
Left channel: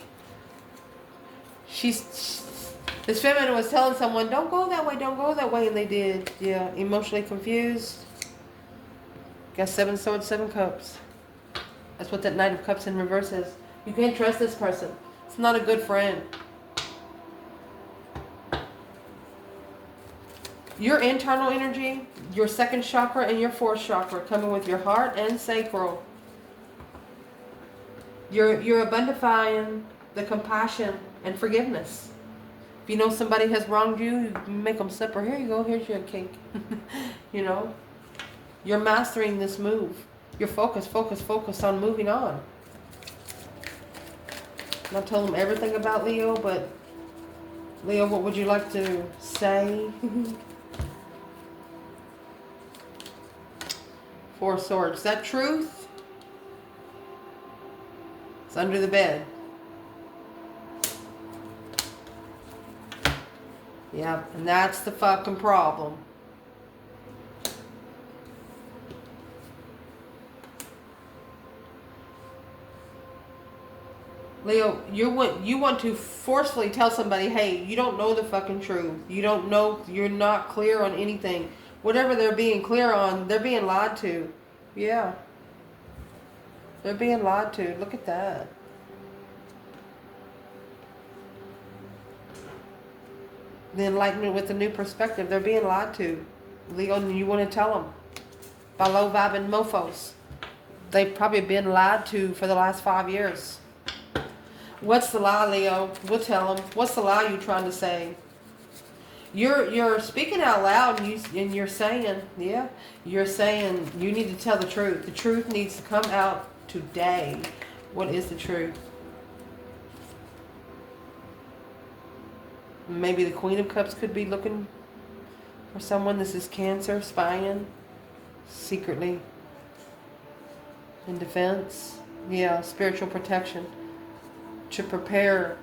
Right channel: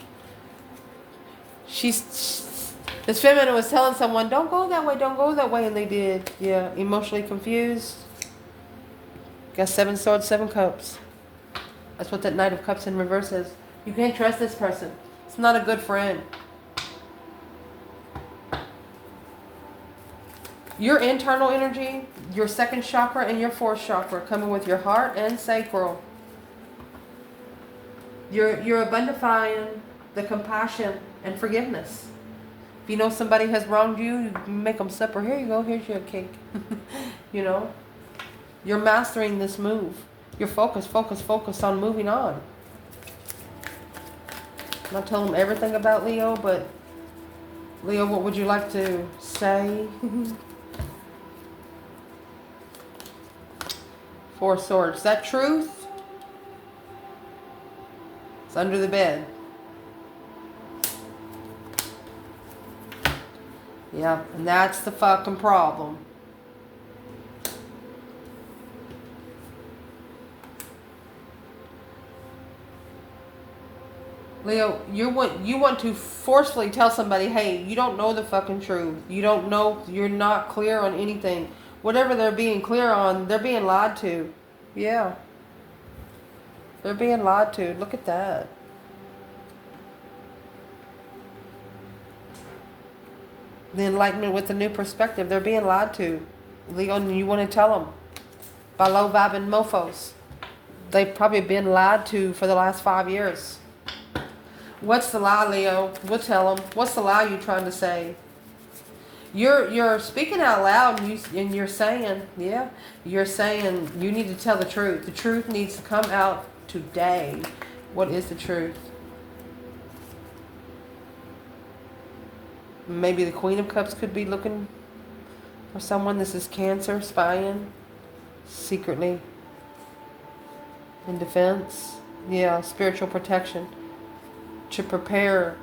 This feminine was telling someone, don't go that way, don't go that way. And they did. Yeah, emotionally confused. Got 7 Swords, 7 Cups. That's what that Knight of Cups in reverse is. You can't trust this person. It's not a good friend. Your internal energy, your 2nd chakra and your 4th chakra coming with your heart and sacral. You're abundifying the compassion and forgiveness. If you know somebody has wronged you, you make them supper. Here you go, here's your cake. You know? You're mastering this move. You're focused on moving on. I'm not telling them everything about Leo, but Leo, what would you like to say? 4 Swords. Is that truth? It's under the bed. Yeah, and that's the fucking problem. Leo, you want to forcefully tell somebody, hey, you don't know the fucking truth. You don't know, you're not clear on anything. Whatever they're being clear on, they're being lied to. Yeah. They're being lied to. Look at that. The enlightenment with a new perspective. They're being lied to. Leo, and you want to tell them. By low vibing mofos. They've probably been lied to for the last 5 years. What's the lie, Leo? We'll tell them. What's the lie you're trying to say? You're speaking out loud and you're saying, yeah, you're saying you need to tell the truth. The truth needs to come out today. What is the truth? Maybe the Queen of Cups could be looking for someone. This is Cancer, spying secretly in defense. Yeah, spiritual protection. To prepare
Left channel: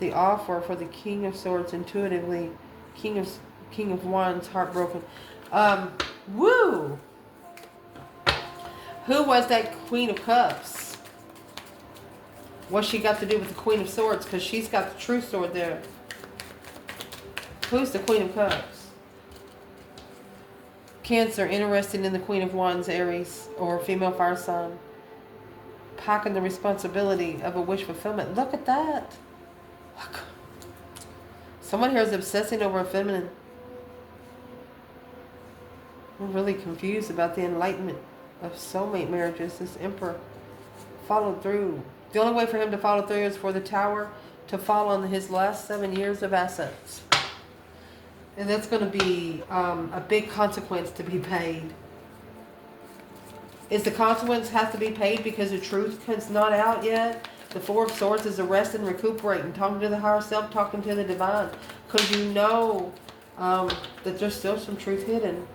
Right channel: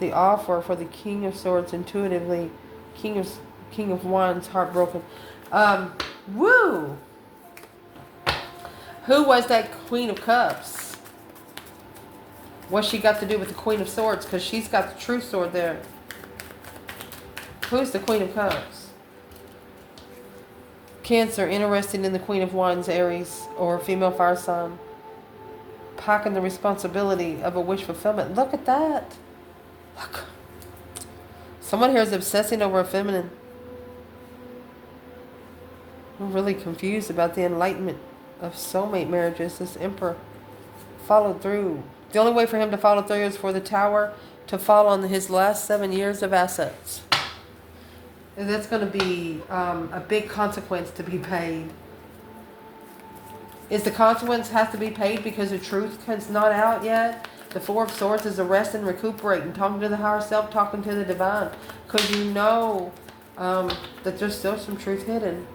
the offer for the King of Swords intuitively. King of Wands, heartbroken. Woo! Who was that Queen of Cups? What's she got to do with the Queen of Swords? Because she's got the true sword there. Who's the Queen of Cups? Cancer, interested in the Queen of Wands, Aries, or female fire sign. Packing the responsibility of a wish fulfillment. Look at that. Look. Someone here is obsessing over a feminine. I'm really confused about the enlightenment of soulmate marriages. This Emperor followed through. The only way for him to follow through is for the Tower to fall on his last 7 years of assets. And that's going to be a big consequence to be paid. Is the consequence has to be paid because the truth is not out yet? The 4 of Swords is arresting, recuperating, talking to the higher self, talking to the divine. Because you know that there's still some truth hidden.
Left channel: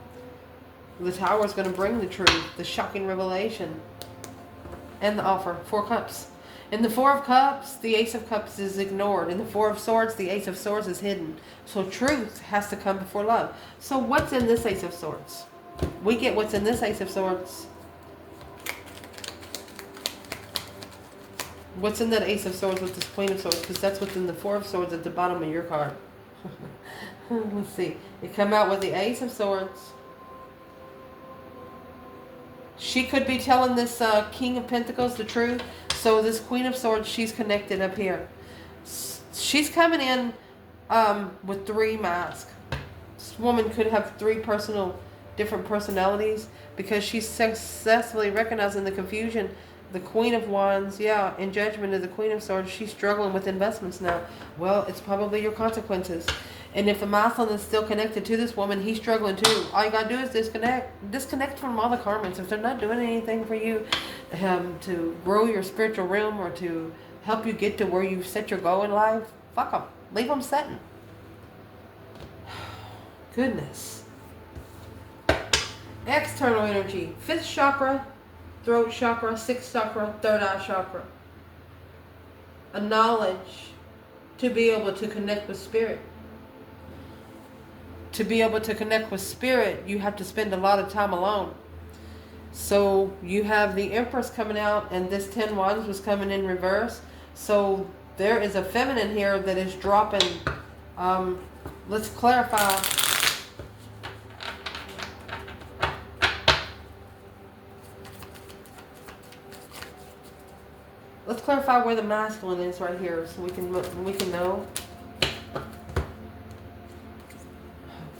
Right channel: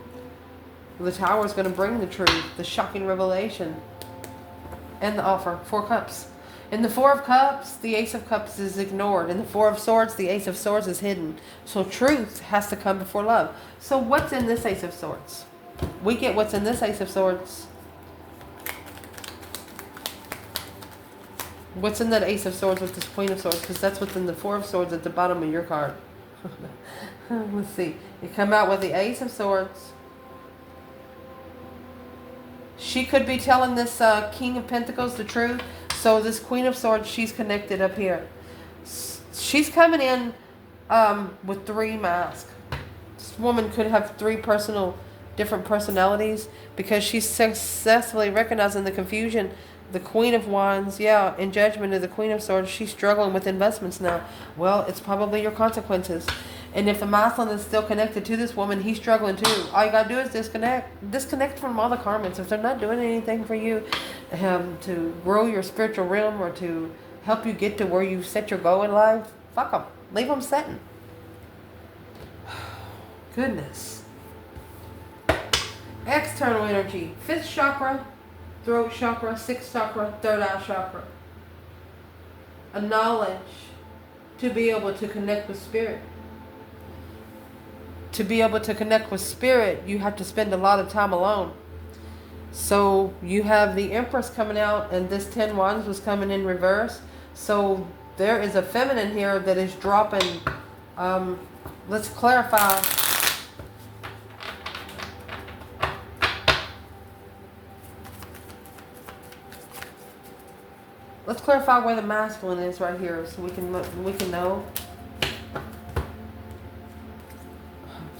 The Tower is going to bring the truth, the shocking revelation, and the offer. 4 Cups. In the 4 of Cups, the Ace of Cups is ignored. In the 4 of Swords, the Ace of Swords is hidden. So truth has to come before love. So what's in this Ace of Swords? We get what's in this Ace of Swords. What's in that Ace of Swords with this Queen of Swords? Because that's what's in the 4 of Swords at the bottom of your card. Let's see. You come out with the Ace of Swords, She could be telling this King of Pentacles the truth. So this Queen of Swords, she's connected up here. She's coming in with 3 masks. This woman could have 3 different personalities because she's successfully recognizing the confusion. The Queen of Wands, yeah, in judgment of the Queen of Swords, she's struggling with investments now. Well, it's probably your consequences. And if the masculine is still connected to this woman, he's struggling too. All you gotta do is disconnect. Disconnect from all the karmas. If they're not doing anything for you to grow your spiritual realm or to help you get to where you set your goal in life, fuck them. Leave them setting. Goodness. External energy. 5th chakra, throat chakra, 6th chakra, 3rd eye chakra. A knowledge to be able to connect with spirit. To be able to connect with spirit, you have to spend a lot of time alone. So you have the Empress coming out, and this 10 Wands was coming in reverse. So there is a feminine here that is dropping. Let's clarify. Let's clarify where the masculine is right here, so we can know.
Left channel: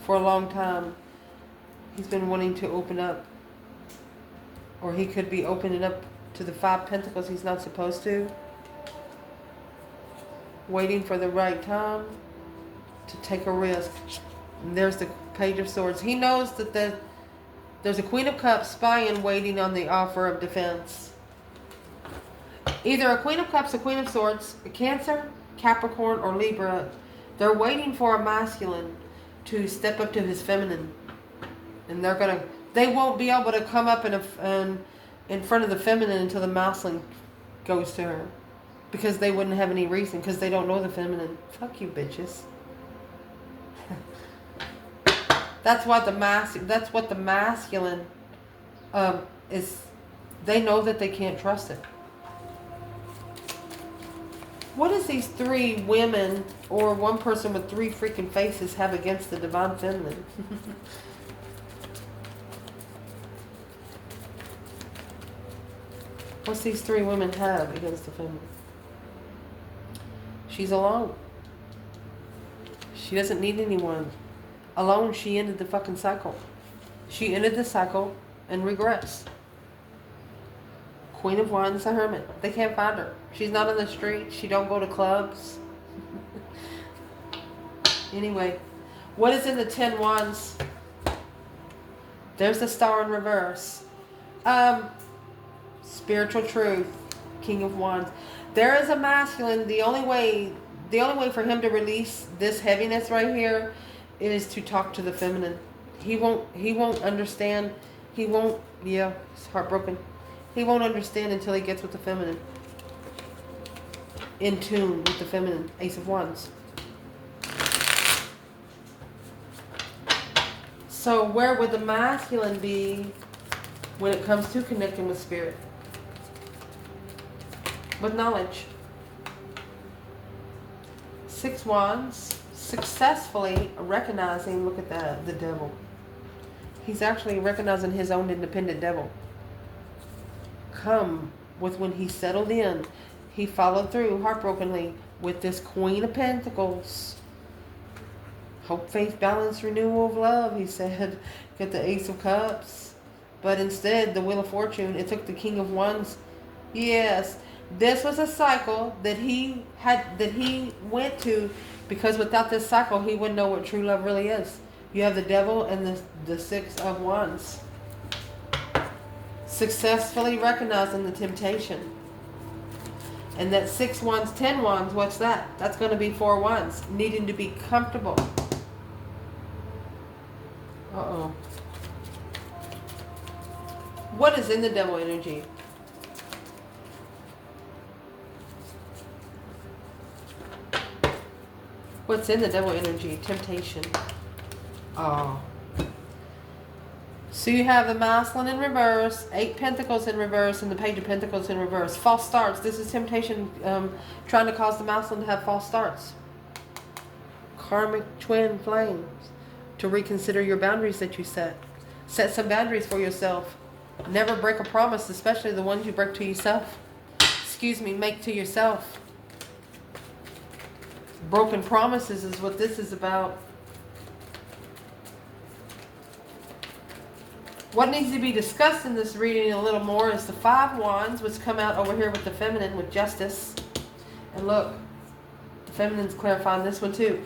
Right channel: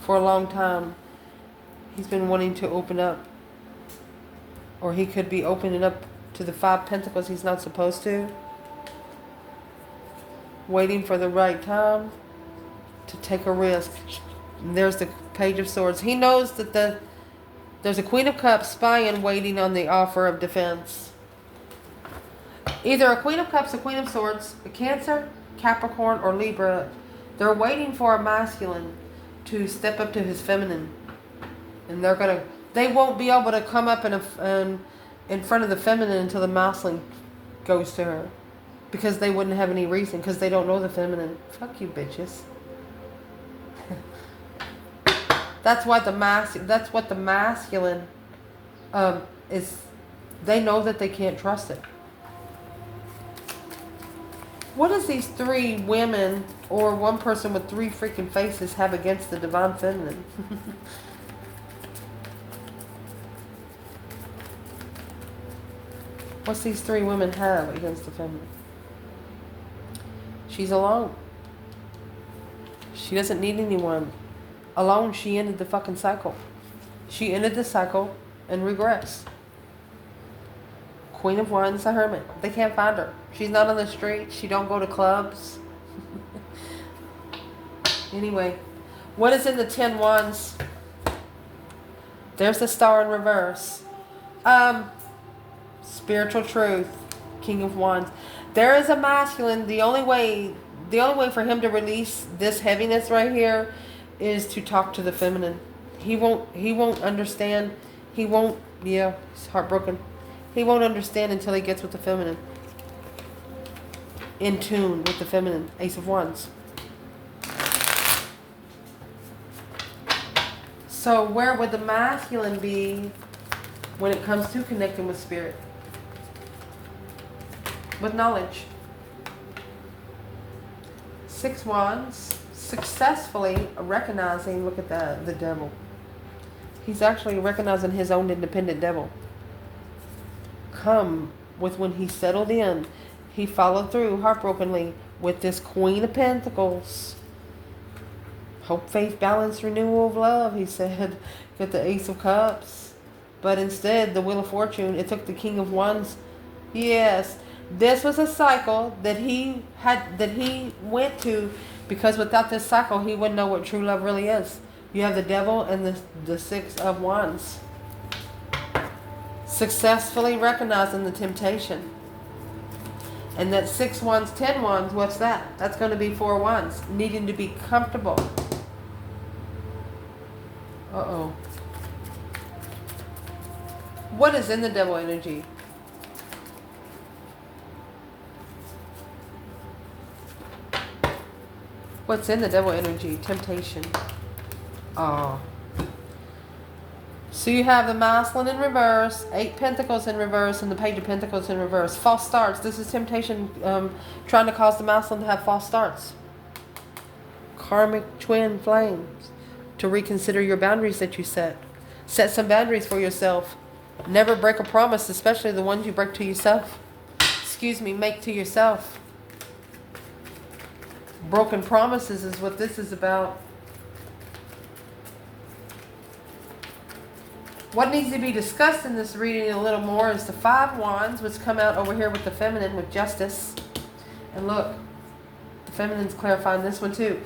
For a long time, he's been wanting to open up, or he could be opening up to the 5 Pentacles he's not supposed to. Waiting for the right time to take a risk. And there's the Page of Swords. He knows that there's a Queen of Cups spying, waiting on the offer of defense. Either a Queen of Cups, a Queen of Swords, a Cancer, Capricorn, or Libra. They're waiting for a masculine to step up to his feminine. And they won't be able to come up in front of the feminine until the masculine goes to her. Because they wouldn't have any reason, because they don't know the feminine. Fuck you, bitches. That's what the masculine is. They know that they can't trust it. What does these 3 women or one person with 3 freaking faces have against the divine feminine? What's these 3 women have against the feminine? She's alone. She doesn't need anyone. Alone, she ended the fucking cycle. She ended the cycle and regrets. Queen of Wands, the Hermit. They can't find her. She's not on the street. She don't go to clubs. Anyway, what is in the 10 Wands? There's the Star in reverse. Spiritual truth. King of Wands. There is a masculine. The only way for him to release this heaviness right here is to talk to the feminine. He won't understand. He's heartbroken. He won't understand until he gets with the feminine. In tune with the feminine. Ace of Wands. So where would the masculine be when it comes to connecting with spirit? With knowledge. 6 Wands. Successfully recognizing, look at the devil. He's actually recognizing his own independent devil. Come with when he settled in, he followed through heartbrokenly with this Queen of Pentacles. Hope, faith, balance, renewal of love, he said. Get the Ace of Cups. But instead, the Wheel of Fortune, it took the King of Wands. Yes, this was a cycle that he went to, because without this cycle, he wouldn't know what true love really is. You have the devil and the 6 of Wands. Successfully recognizing the temptation. And that 6 Wands, 10 Wands, what's that? That's going to be 4 Wands. Needing to be comfortable. Uh-oh. What is in the devil energy? What's in the devil energy? Temptation. Oh. So you have the masculine in reverse, 8 Pentacles in reverse, and the Page of Pentacles in reverse. False starts. This is temptation trying to cause the masculine to have false starts. Karmic twin flames. To reconsider your boundaries that you set. Set some boundaries for yourself. Never break a promise, especially the ones you break to yourself. Excuse me, make to yourself. Broken promises is what this is about. What needs to be discussed in this reading a little more is the 5 wands, which come out over here with the feminine, with justice. And look, the feminine's clarifying this one too.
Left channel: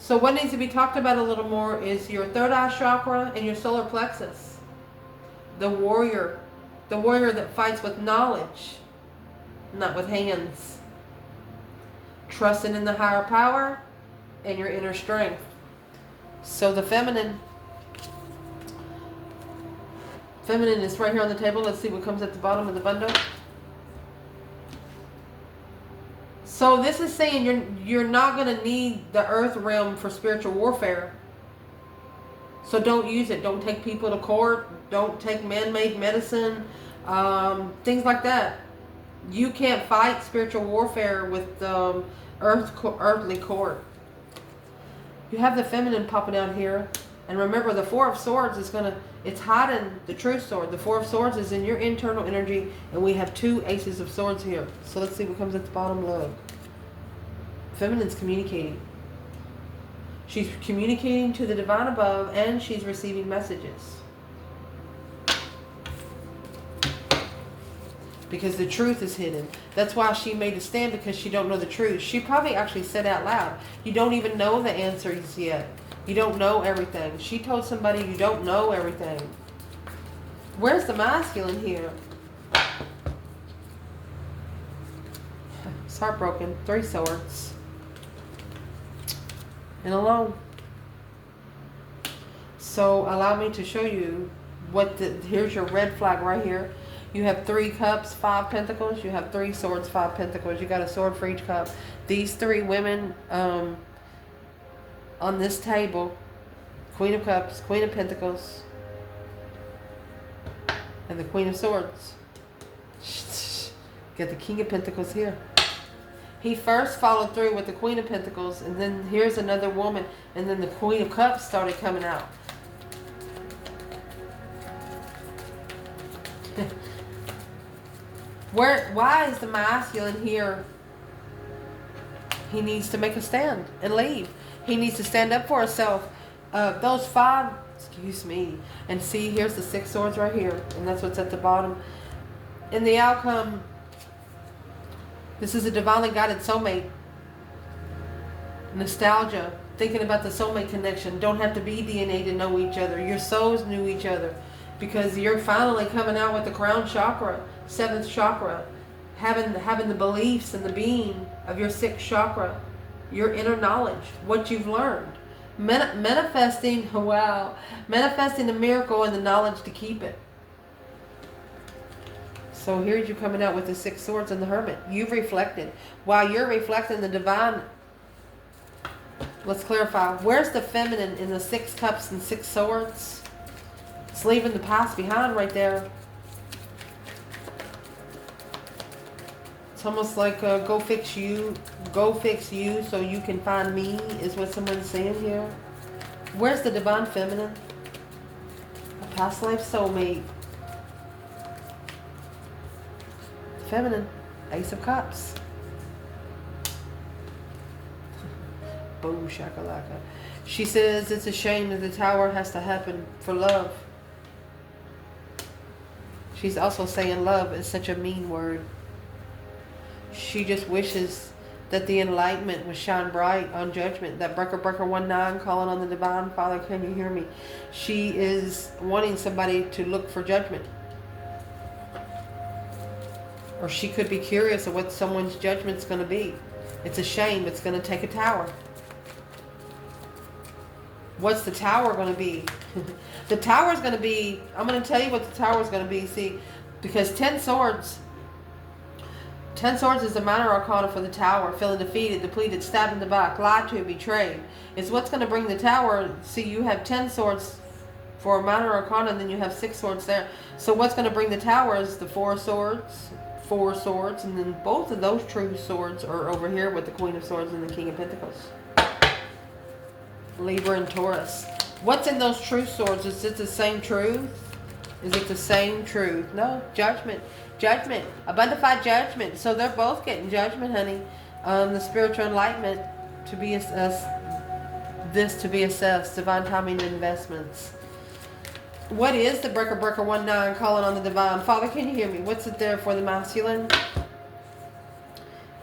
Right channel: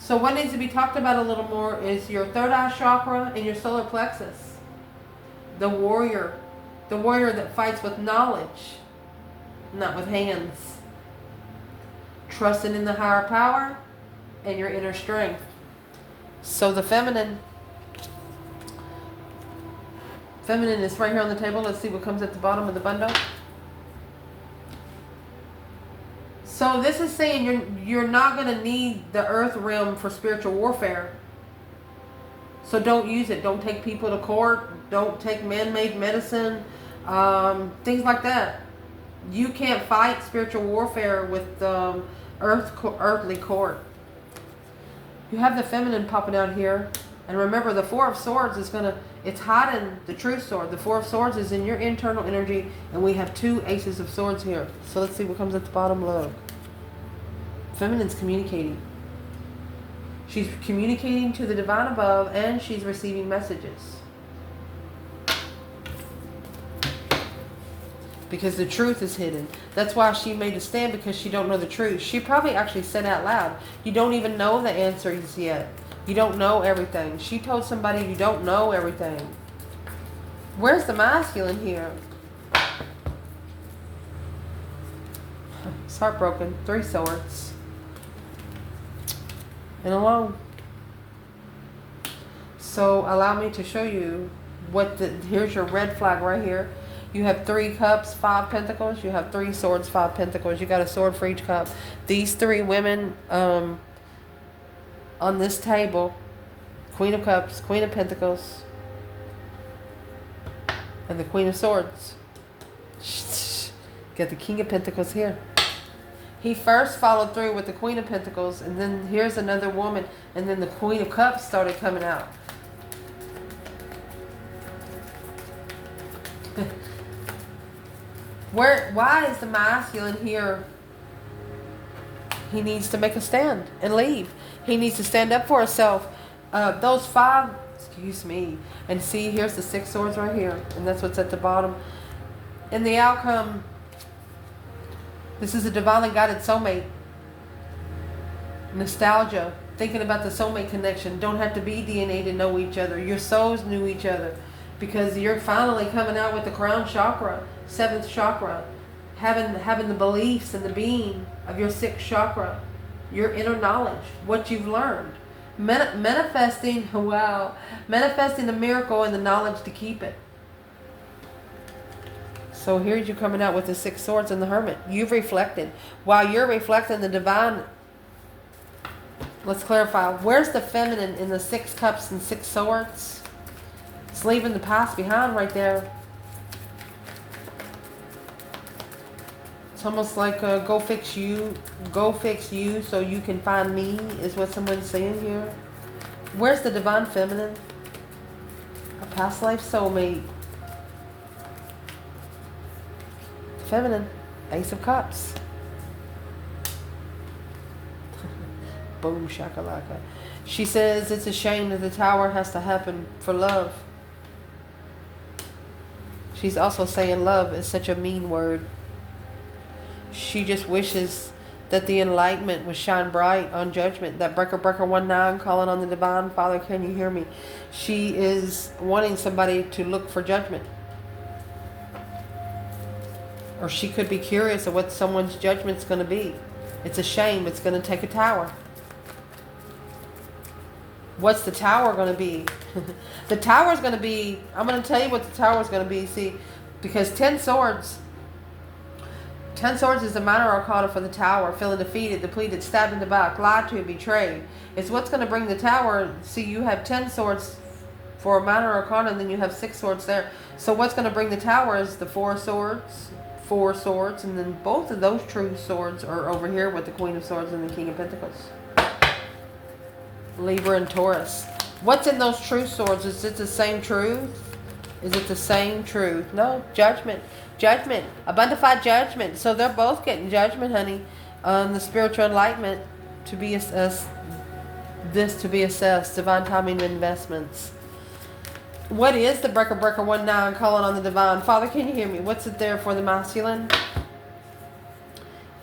So what needs to be talked about a little more is your third eye chakra and your solar plexus. The warrior that fights with knowledge, not with hands. Trusting in the higher power and your inner strength. So the feminine is right here on the table. Let's see what comes at the bottom of the bundle. So this is saying you're not going to need the earth realm for spiritual warfare. So don't use it. Don't take people to court. Don't take man-made medicine. Things like that. You can't fight spiritual warfare with earthly court. You have the feminine popping out here. And remember, the 4 of Swords is it's hiding the true sword. The 4 of Swords is in your internal energy. And we have 2 Aces of Swords here. So let's see what comes at the bottom low. Feminine's communicating. She's communicating to the divine above, and she's receiving messages. Because the truth is hidden. That's why she made a stand, because she don't know the truth. She probably actually said out loud, you don't even know the answers yet. You don't know everything. She told somebody you don't know everything. Where's the masculine here? It's heartbroken. 3 swords. And alone. So allow me to show you here's your red flag right here. You have 3 cups, 5 pentacles. You have 3 swords, 5 pentacles. You got a sword for each cup. These 3 women on this table, Queen of Cups, Queen of Pentacles, and the Queen of Swords. Got the King of Pentacles here. He first followed through with the Queen of Pentacles, and then here's another woman, and then the Queen of Cups started coming out. Why is the masculine here? He needs to make a stand and leave. He needs to stand up for himself. Those 5, excuse me, and see, here's the 6 swords right here, and that's what's at the bottom. In the outcome, this is a divinely guided soulmate. Nostalgia, thinking about the soulmate connection. Don't have to be DNA to know each other. Your souls knew each other, because you're finally coming out with the crown chakra, 7th chakra, having the beliefs and the being of your 6th chakra, your inner knowledge, what you've learned, manifesting. Wow, manifesting the miracle and the knowledge to keep it. So here's you coming out with the 6 swords and the Hermit. You've reflected. While you're reflecting the divine, let's clarify. Where's the feminine in the 6 cups and 6 swords? It's leaving the past behind right there. It's almost like go fix you so you can find me, is what someone's saying here. Where's the divine feminine? A past life soulmate. Feminine, Ace of Cups. Boom shakalaka. She says it's a shame that the tower has to happen for love. She's also saying love is such a mean word. She just wishes that the enlightenment would shine bright on judgment. That breaker 19 calling on the divine. Father, can you hear me? She is wanting somebody to look for judgment. Or she could be curious of what someone's judgment's going to be. It's a shame. It's going to take a tower. What's the tower going to be? The tower's going to be, I'm going to tell you what the tower's going to be. See, because 10 swords is the minor arcana for the tower. Feeling defeated, depleted, stabbed in the back, lied to, betrayed. It's what's going to bring the tower. See, you have 10 swords for a minor arcana, and then you have 6 swords there. So what's going to bring the tower is the 4 swords, and then both of those true swords are over here with the Queen of Swords and the King of Pentacles. Libra and Taurus. What's in those true swords? Is it the same truth? Is it the same truth? No, judgment. Judgment. Abundified judgment. So they're both getting judgment, honey. The spiritual enlightenment to be this to be assessed. Divine timing investments. What is the breaker 19 calling on the divine? Father, can you hear me? What's it there for the masculine?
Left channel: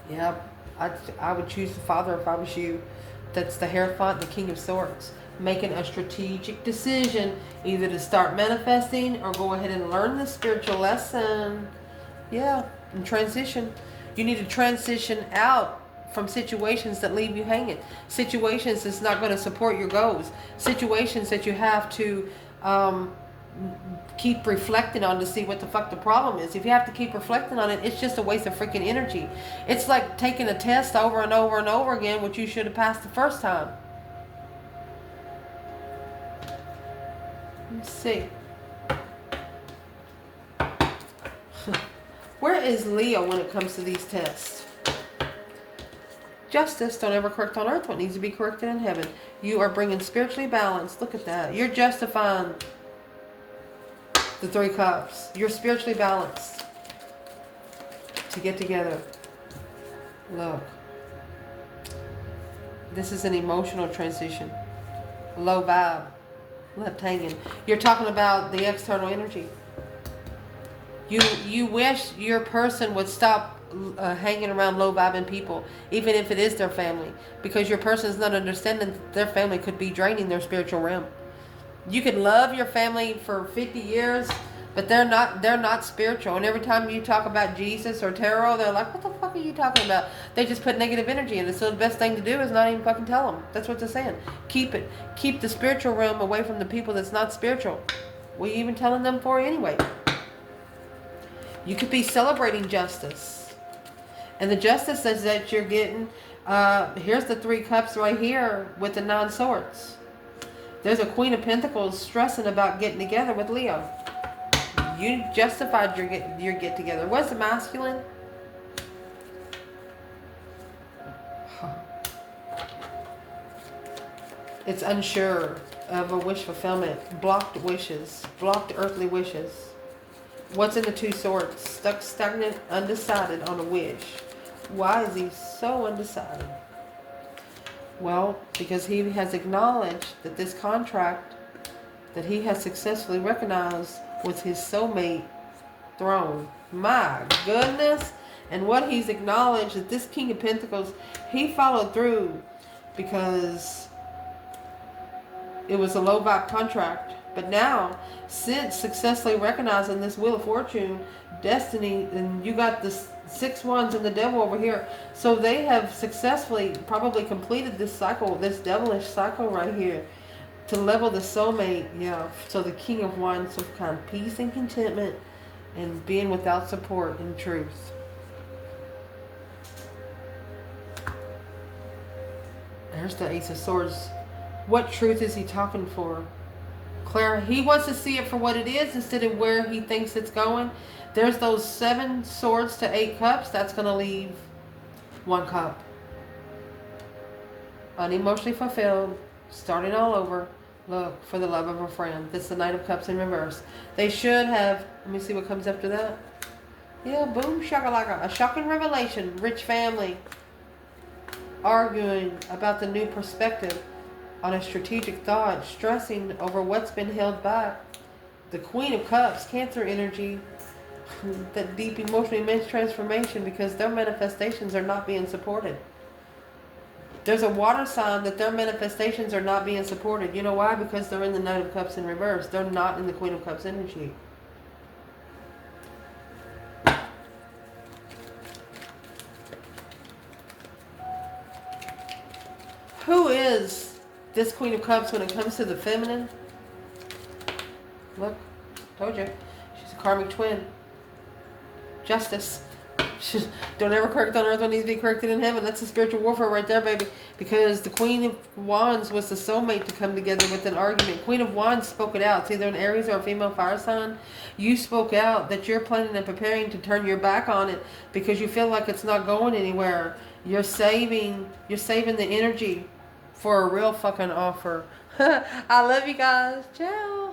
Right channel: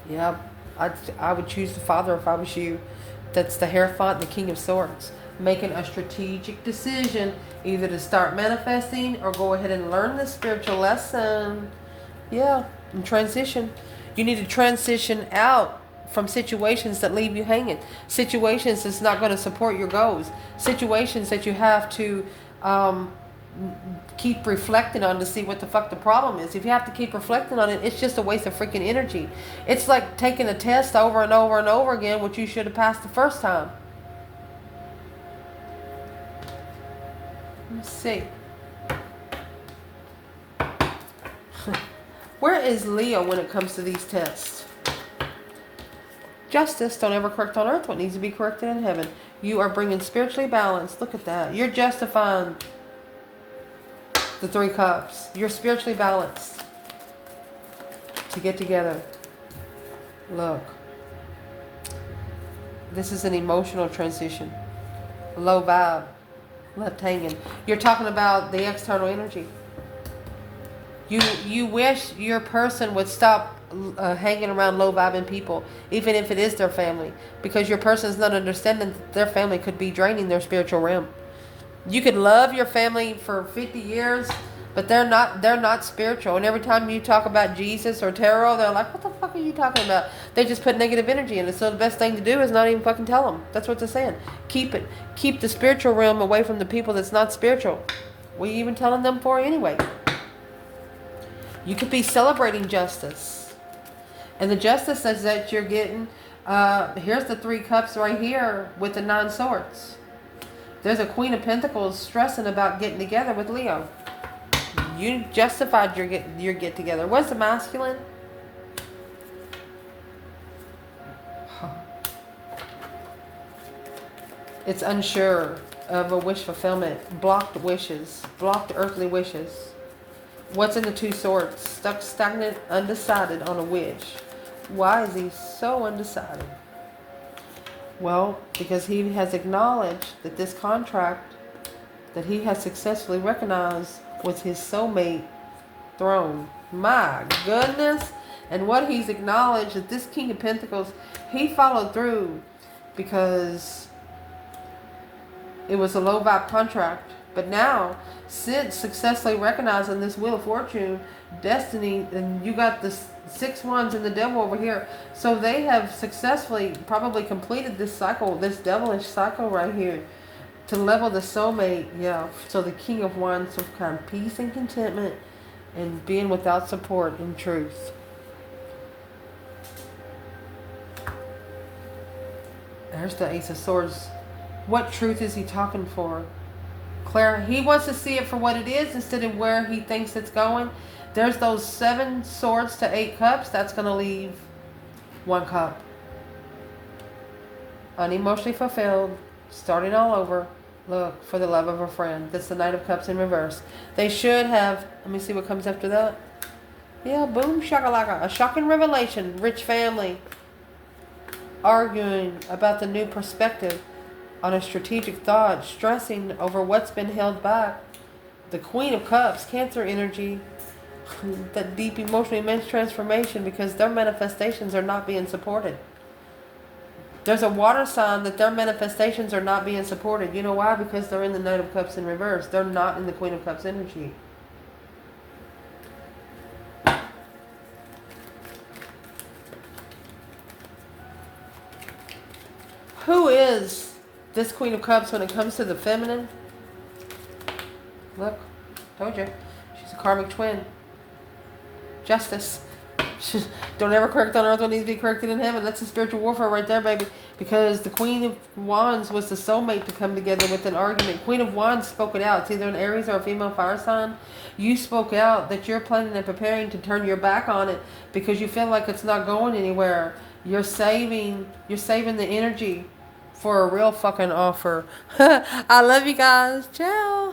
Yeah, I would choose the Father if I was you. That's the Hierophant, the King of Swords. Making a strategic decision either to start manifesting or go ahead and learn the spiritual lesson. Yeah, and transition. You need to transition out from situations that leave you hanging. Situations that's not going to support your goals. Situations that you have to keep reflecting on to see what the fuck the problem is. If you have to keep reflecting on it, it's just a waste of freaking energy. It's like taking a test over and over and over again, which you should have passed the first time. Let's see. Where is Leo when it comes to these tests? Justice. Don't ever correct on earth what needs to be corrected in heaven. You are bringing spiritually balance. Look at that. You're justifying the 3 cups. You're spiritually balanced to get together. Look. This is an emotional transition. Low vibe. Left hanging. You're talking about the external energy. You wish your person would stop hanging around low vibing people, even if it is their family, because your person is not understanding that their family could be draining their spiritual realm. You could love your family for 50 years, but they're not spiritual. And every time you talk about Jesus or tarot, they're like, what the fuck are you talking about? They just put negative energy in it. So the best thing to do is not even fucking tell them. That's what they're saying. Keep it. Keep the spiritual realm away from the people that's not spiritual. What are you even telling them for anyway? You could be celebrating justice. And the justice that you're getting, here's the 3 cups right here with the 9 swords. There's a Queen of Pentacles stressing about getting together with Leo. You justified your get together. What's the masculine? It's unsure of a wish fulfillment. Blocked wishes. Blocked earthly wishes. What's in the 2 swords? Stuck, stagnant, undecided on a wish. Why is he so undecided? Well, because he has acknowledged that this contract that he has successfully recognized was his soulmate throne. My goodness. And what he's acknowledged that this King of Pentacles, he followed through because it was a low vibe contract. But now, since successfully recognizing this Wheel of Fortune, Destiny, and you got the 6 wands and the devil over here. So they have successfully probably completed this cycle, this devilish cycle right here, to level the soulmate. Yeah. So the King of Wands will find peace and contentment and being without support in truth. There's the Ace of Swords. What truth is he talking for? Claire, he wants to see it for what it is instead of where he thinks it's going. There's those 7 swords to 8 cups. That's going to leave 1 cup. Unemotionally fulfilled. Starting all over. Look, for the love of a friend. That's the Knight of Cups in reverse. They should have... Let me see what comes after that. Yeah, boom, shakalaka. A shocking revelation. Rich family. Arguing about the new perspective on a strategic thought. Stressing over what's been held back. The Queen of Cups. Cancer energy. That deep emotional immense transformation because their manifestations are not being supported. There's a water sign that their manifestations are not being supported. You know why? Because they're in the Knight of Cups in reverse. They're not in the Queen of Cups energy. Who is this Queen of Cups when it comes to the feminine? Look, told you. She's a karmic twin. Justice. Don't ever correct on earth what needs to be corrected in heaven. That's the spiritual warfare right there, baby. Because the Queen of Wands was the soulmate to come together with an argument. Queen of Wands spoke it out. It's either an Aries or a female fire sign. You spoke out that you're planning and preparing to turn your back on it because you feel like it's not going anywhere. You're saving the energy for a real fucking offer. I love you guys. Ciao.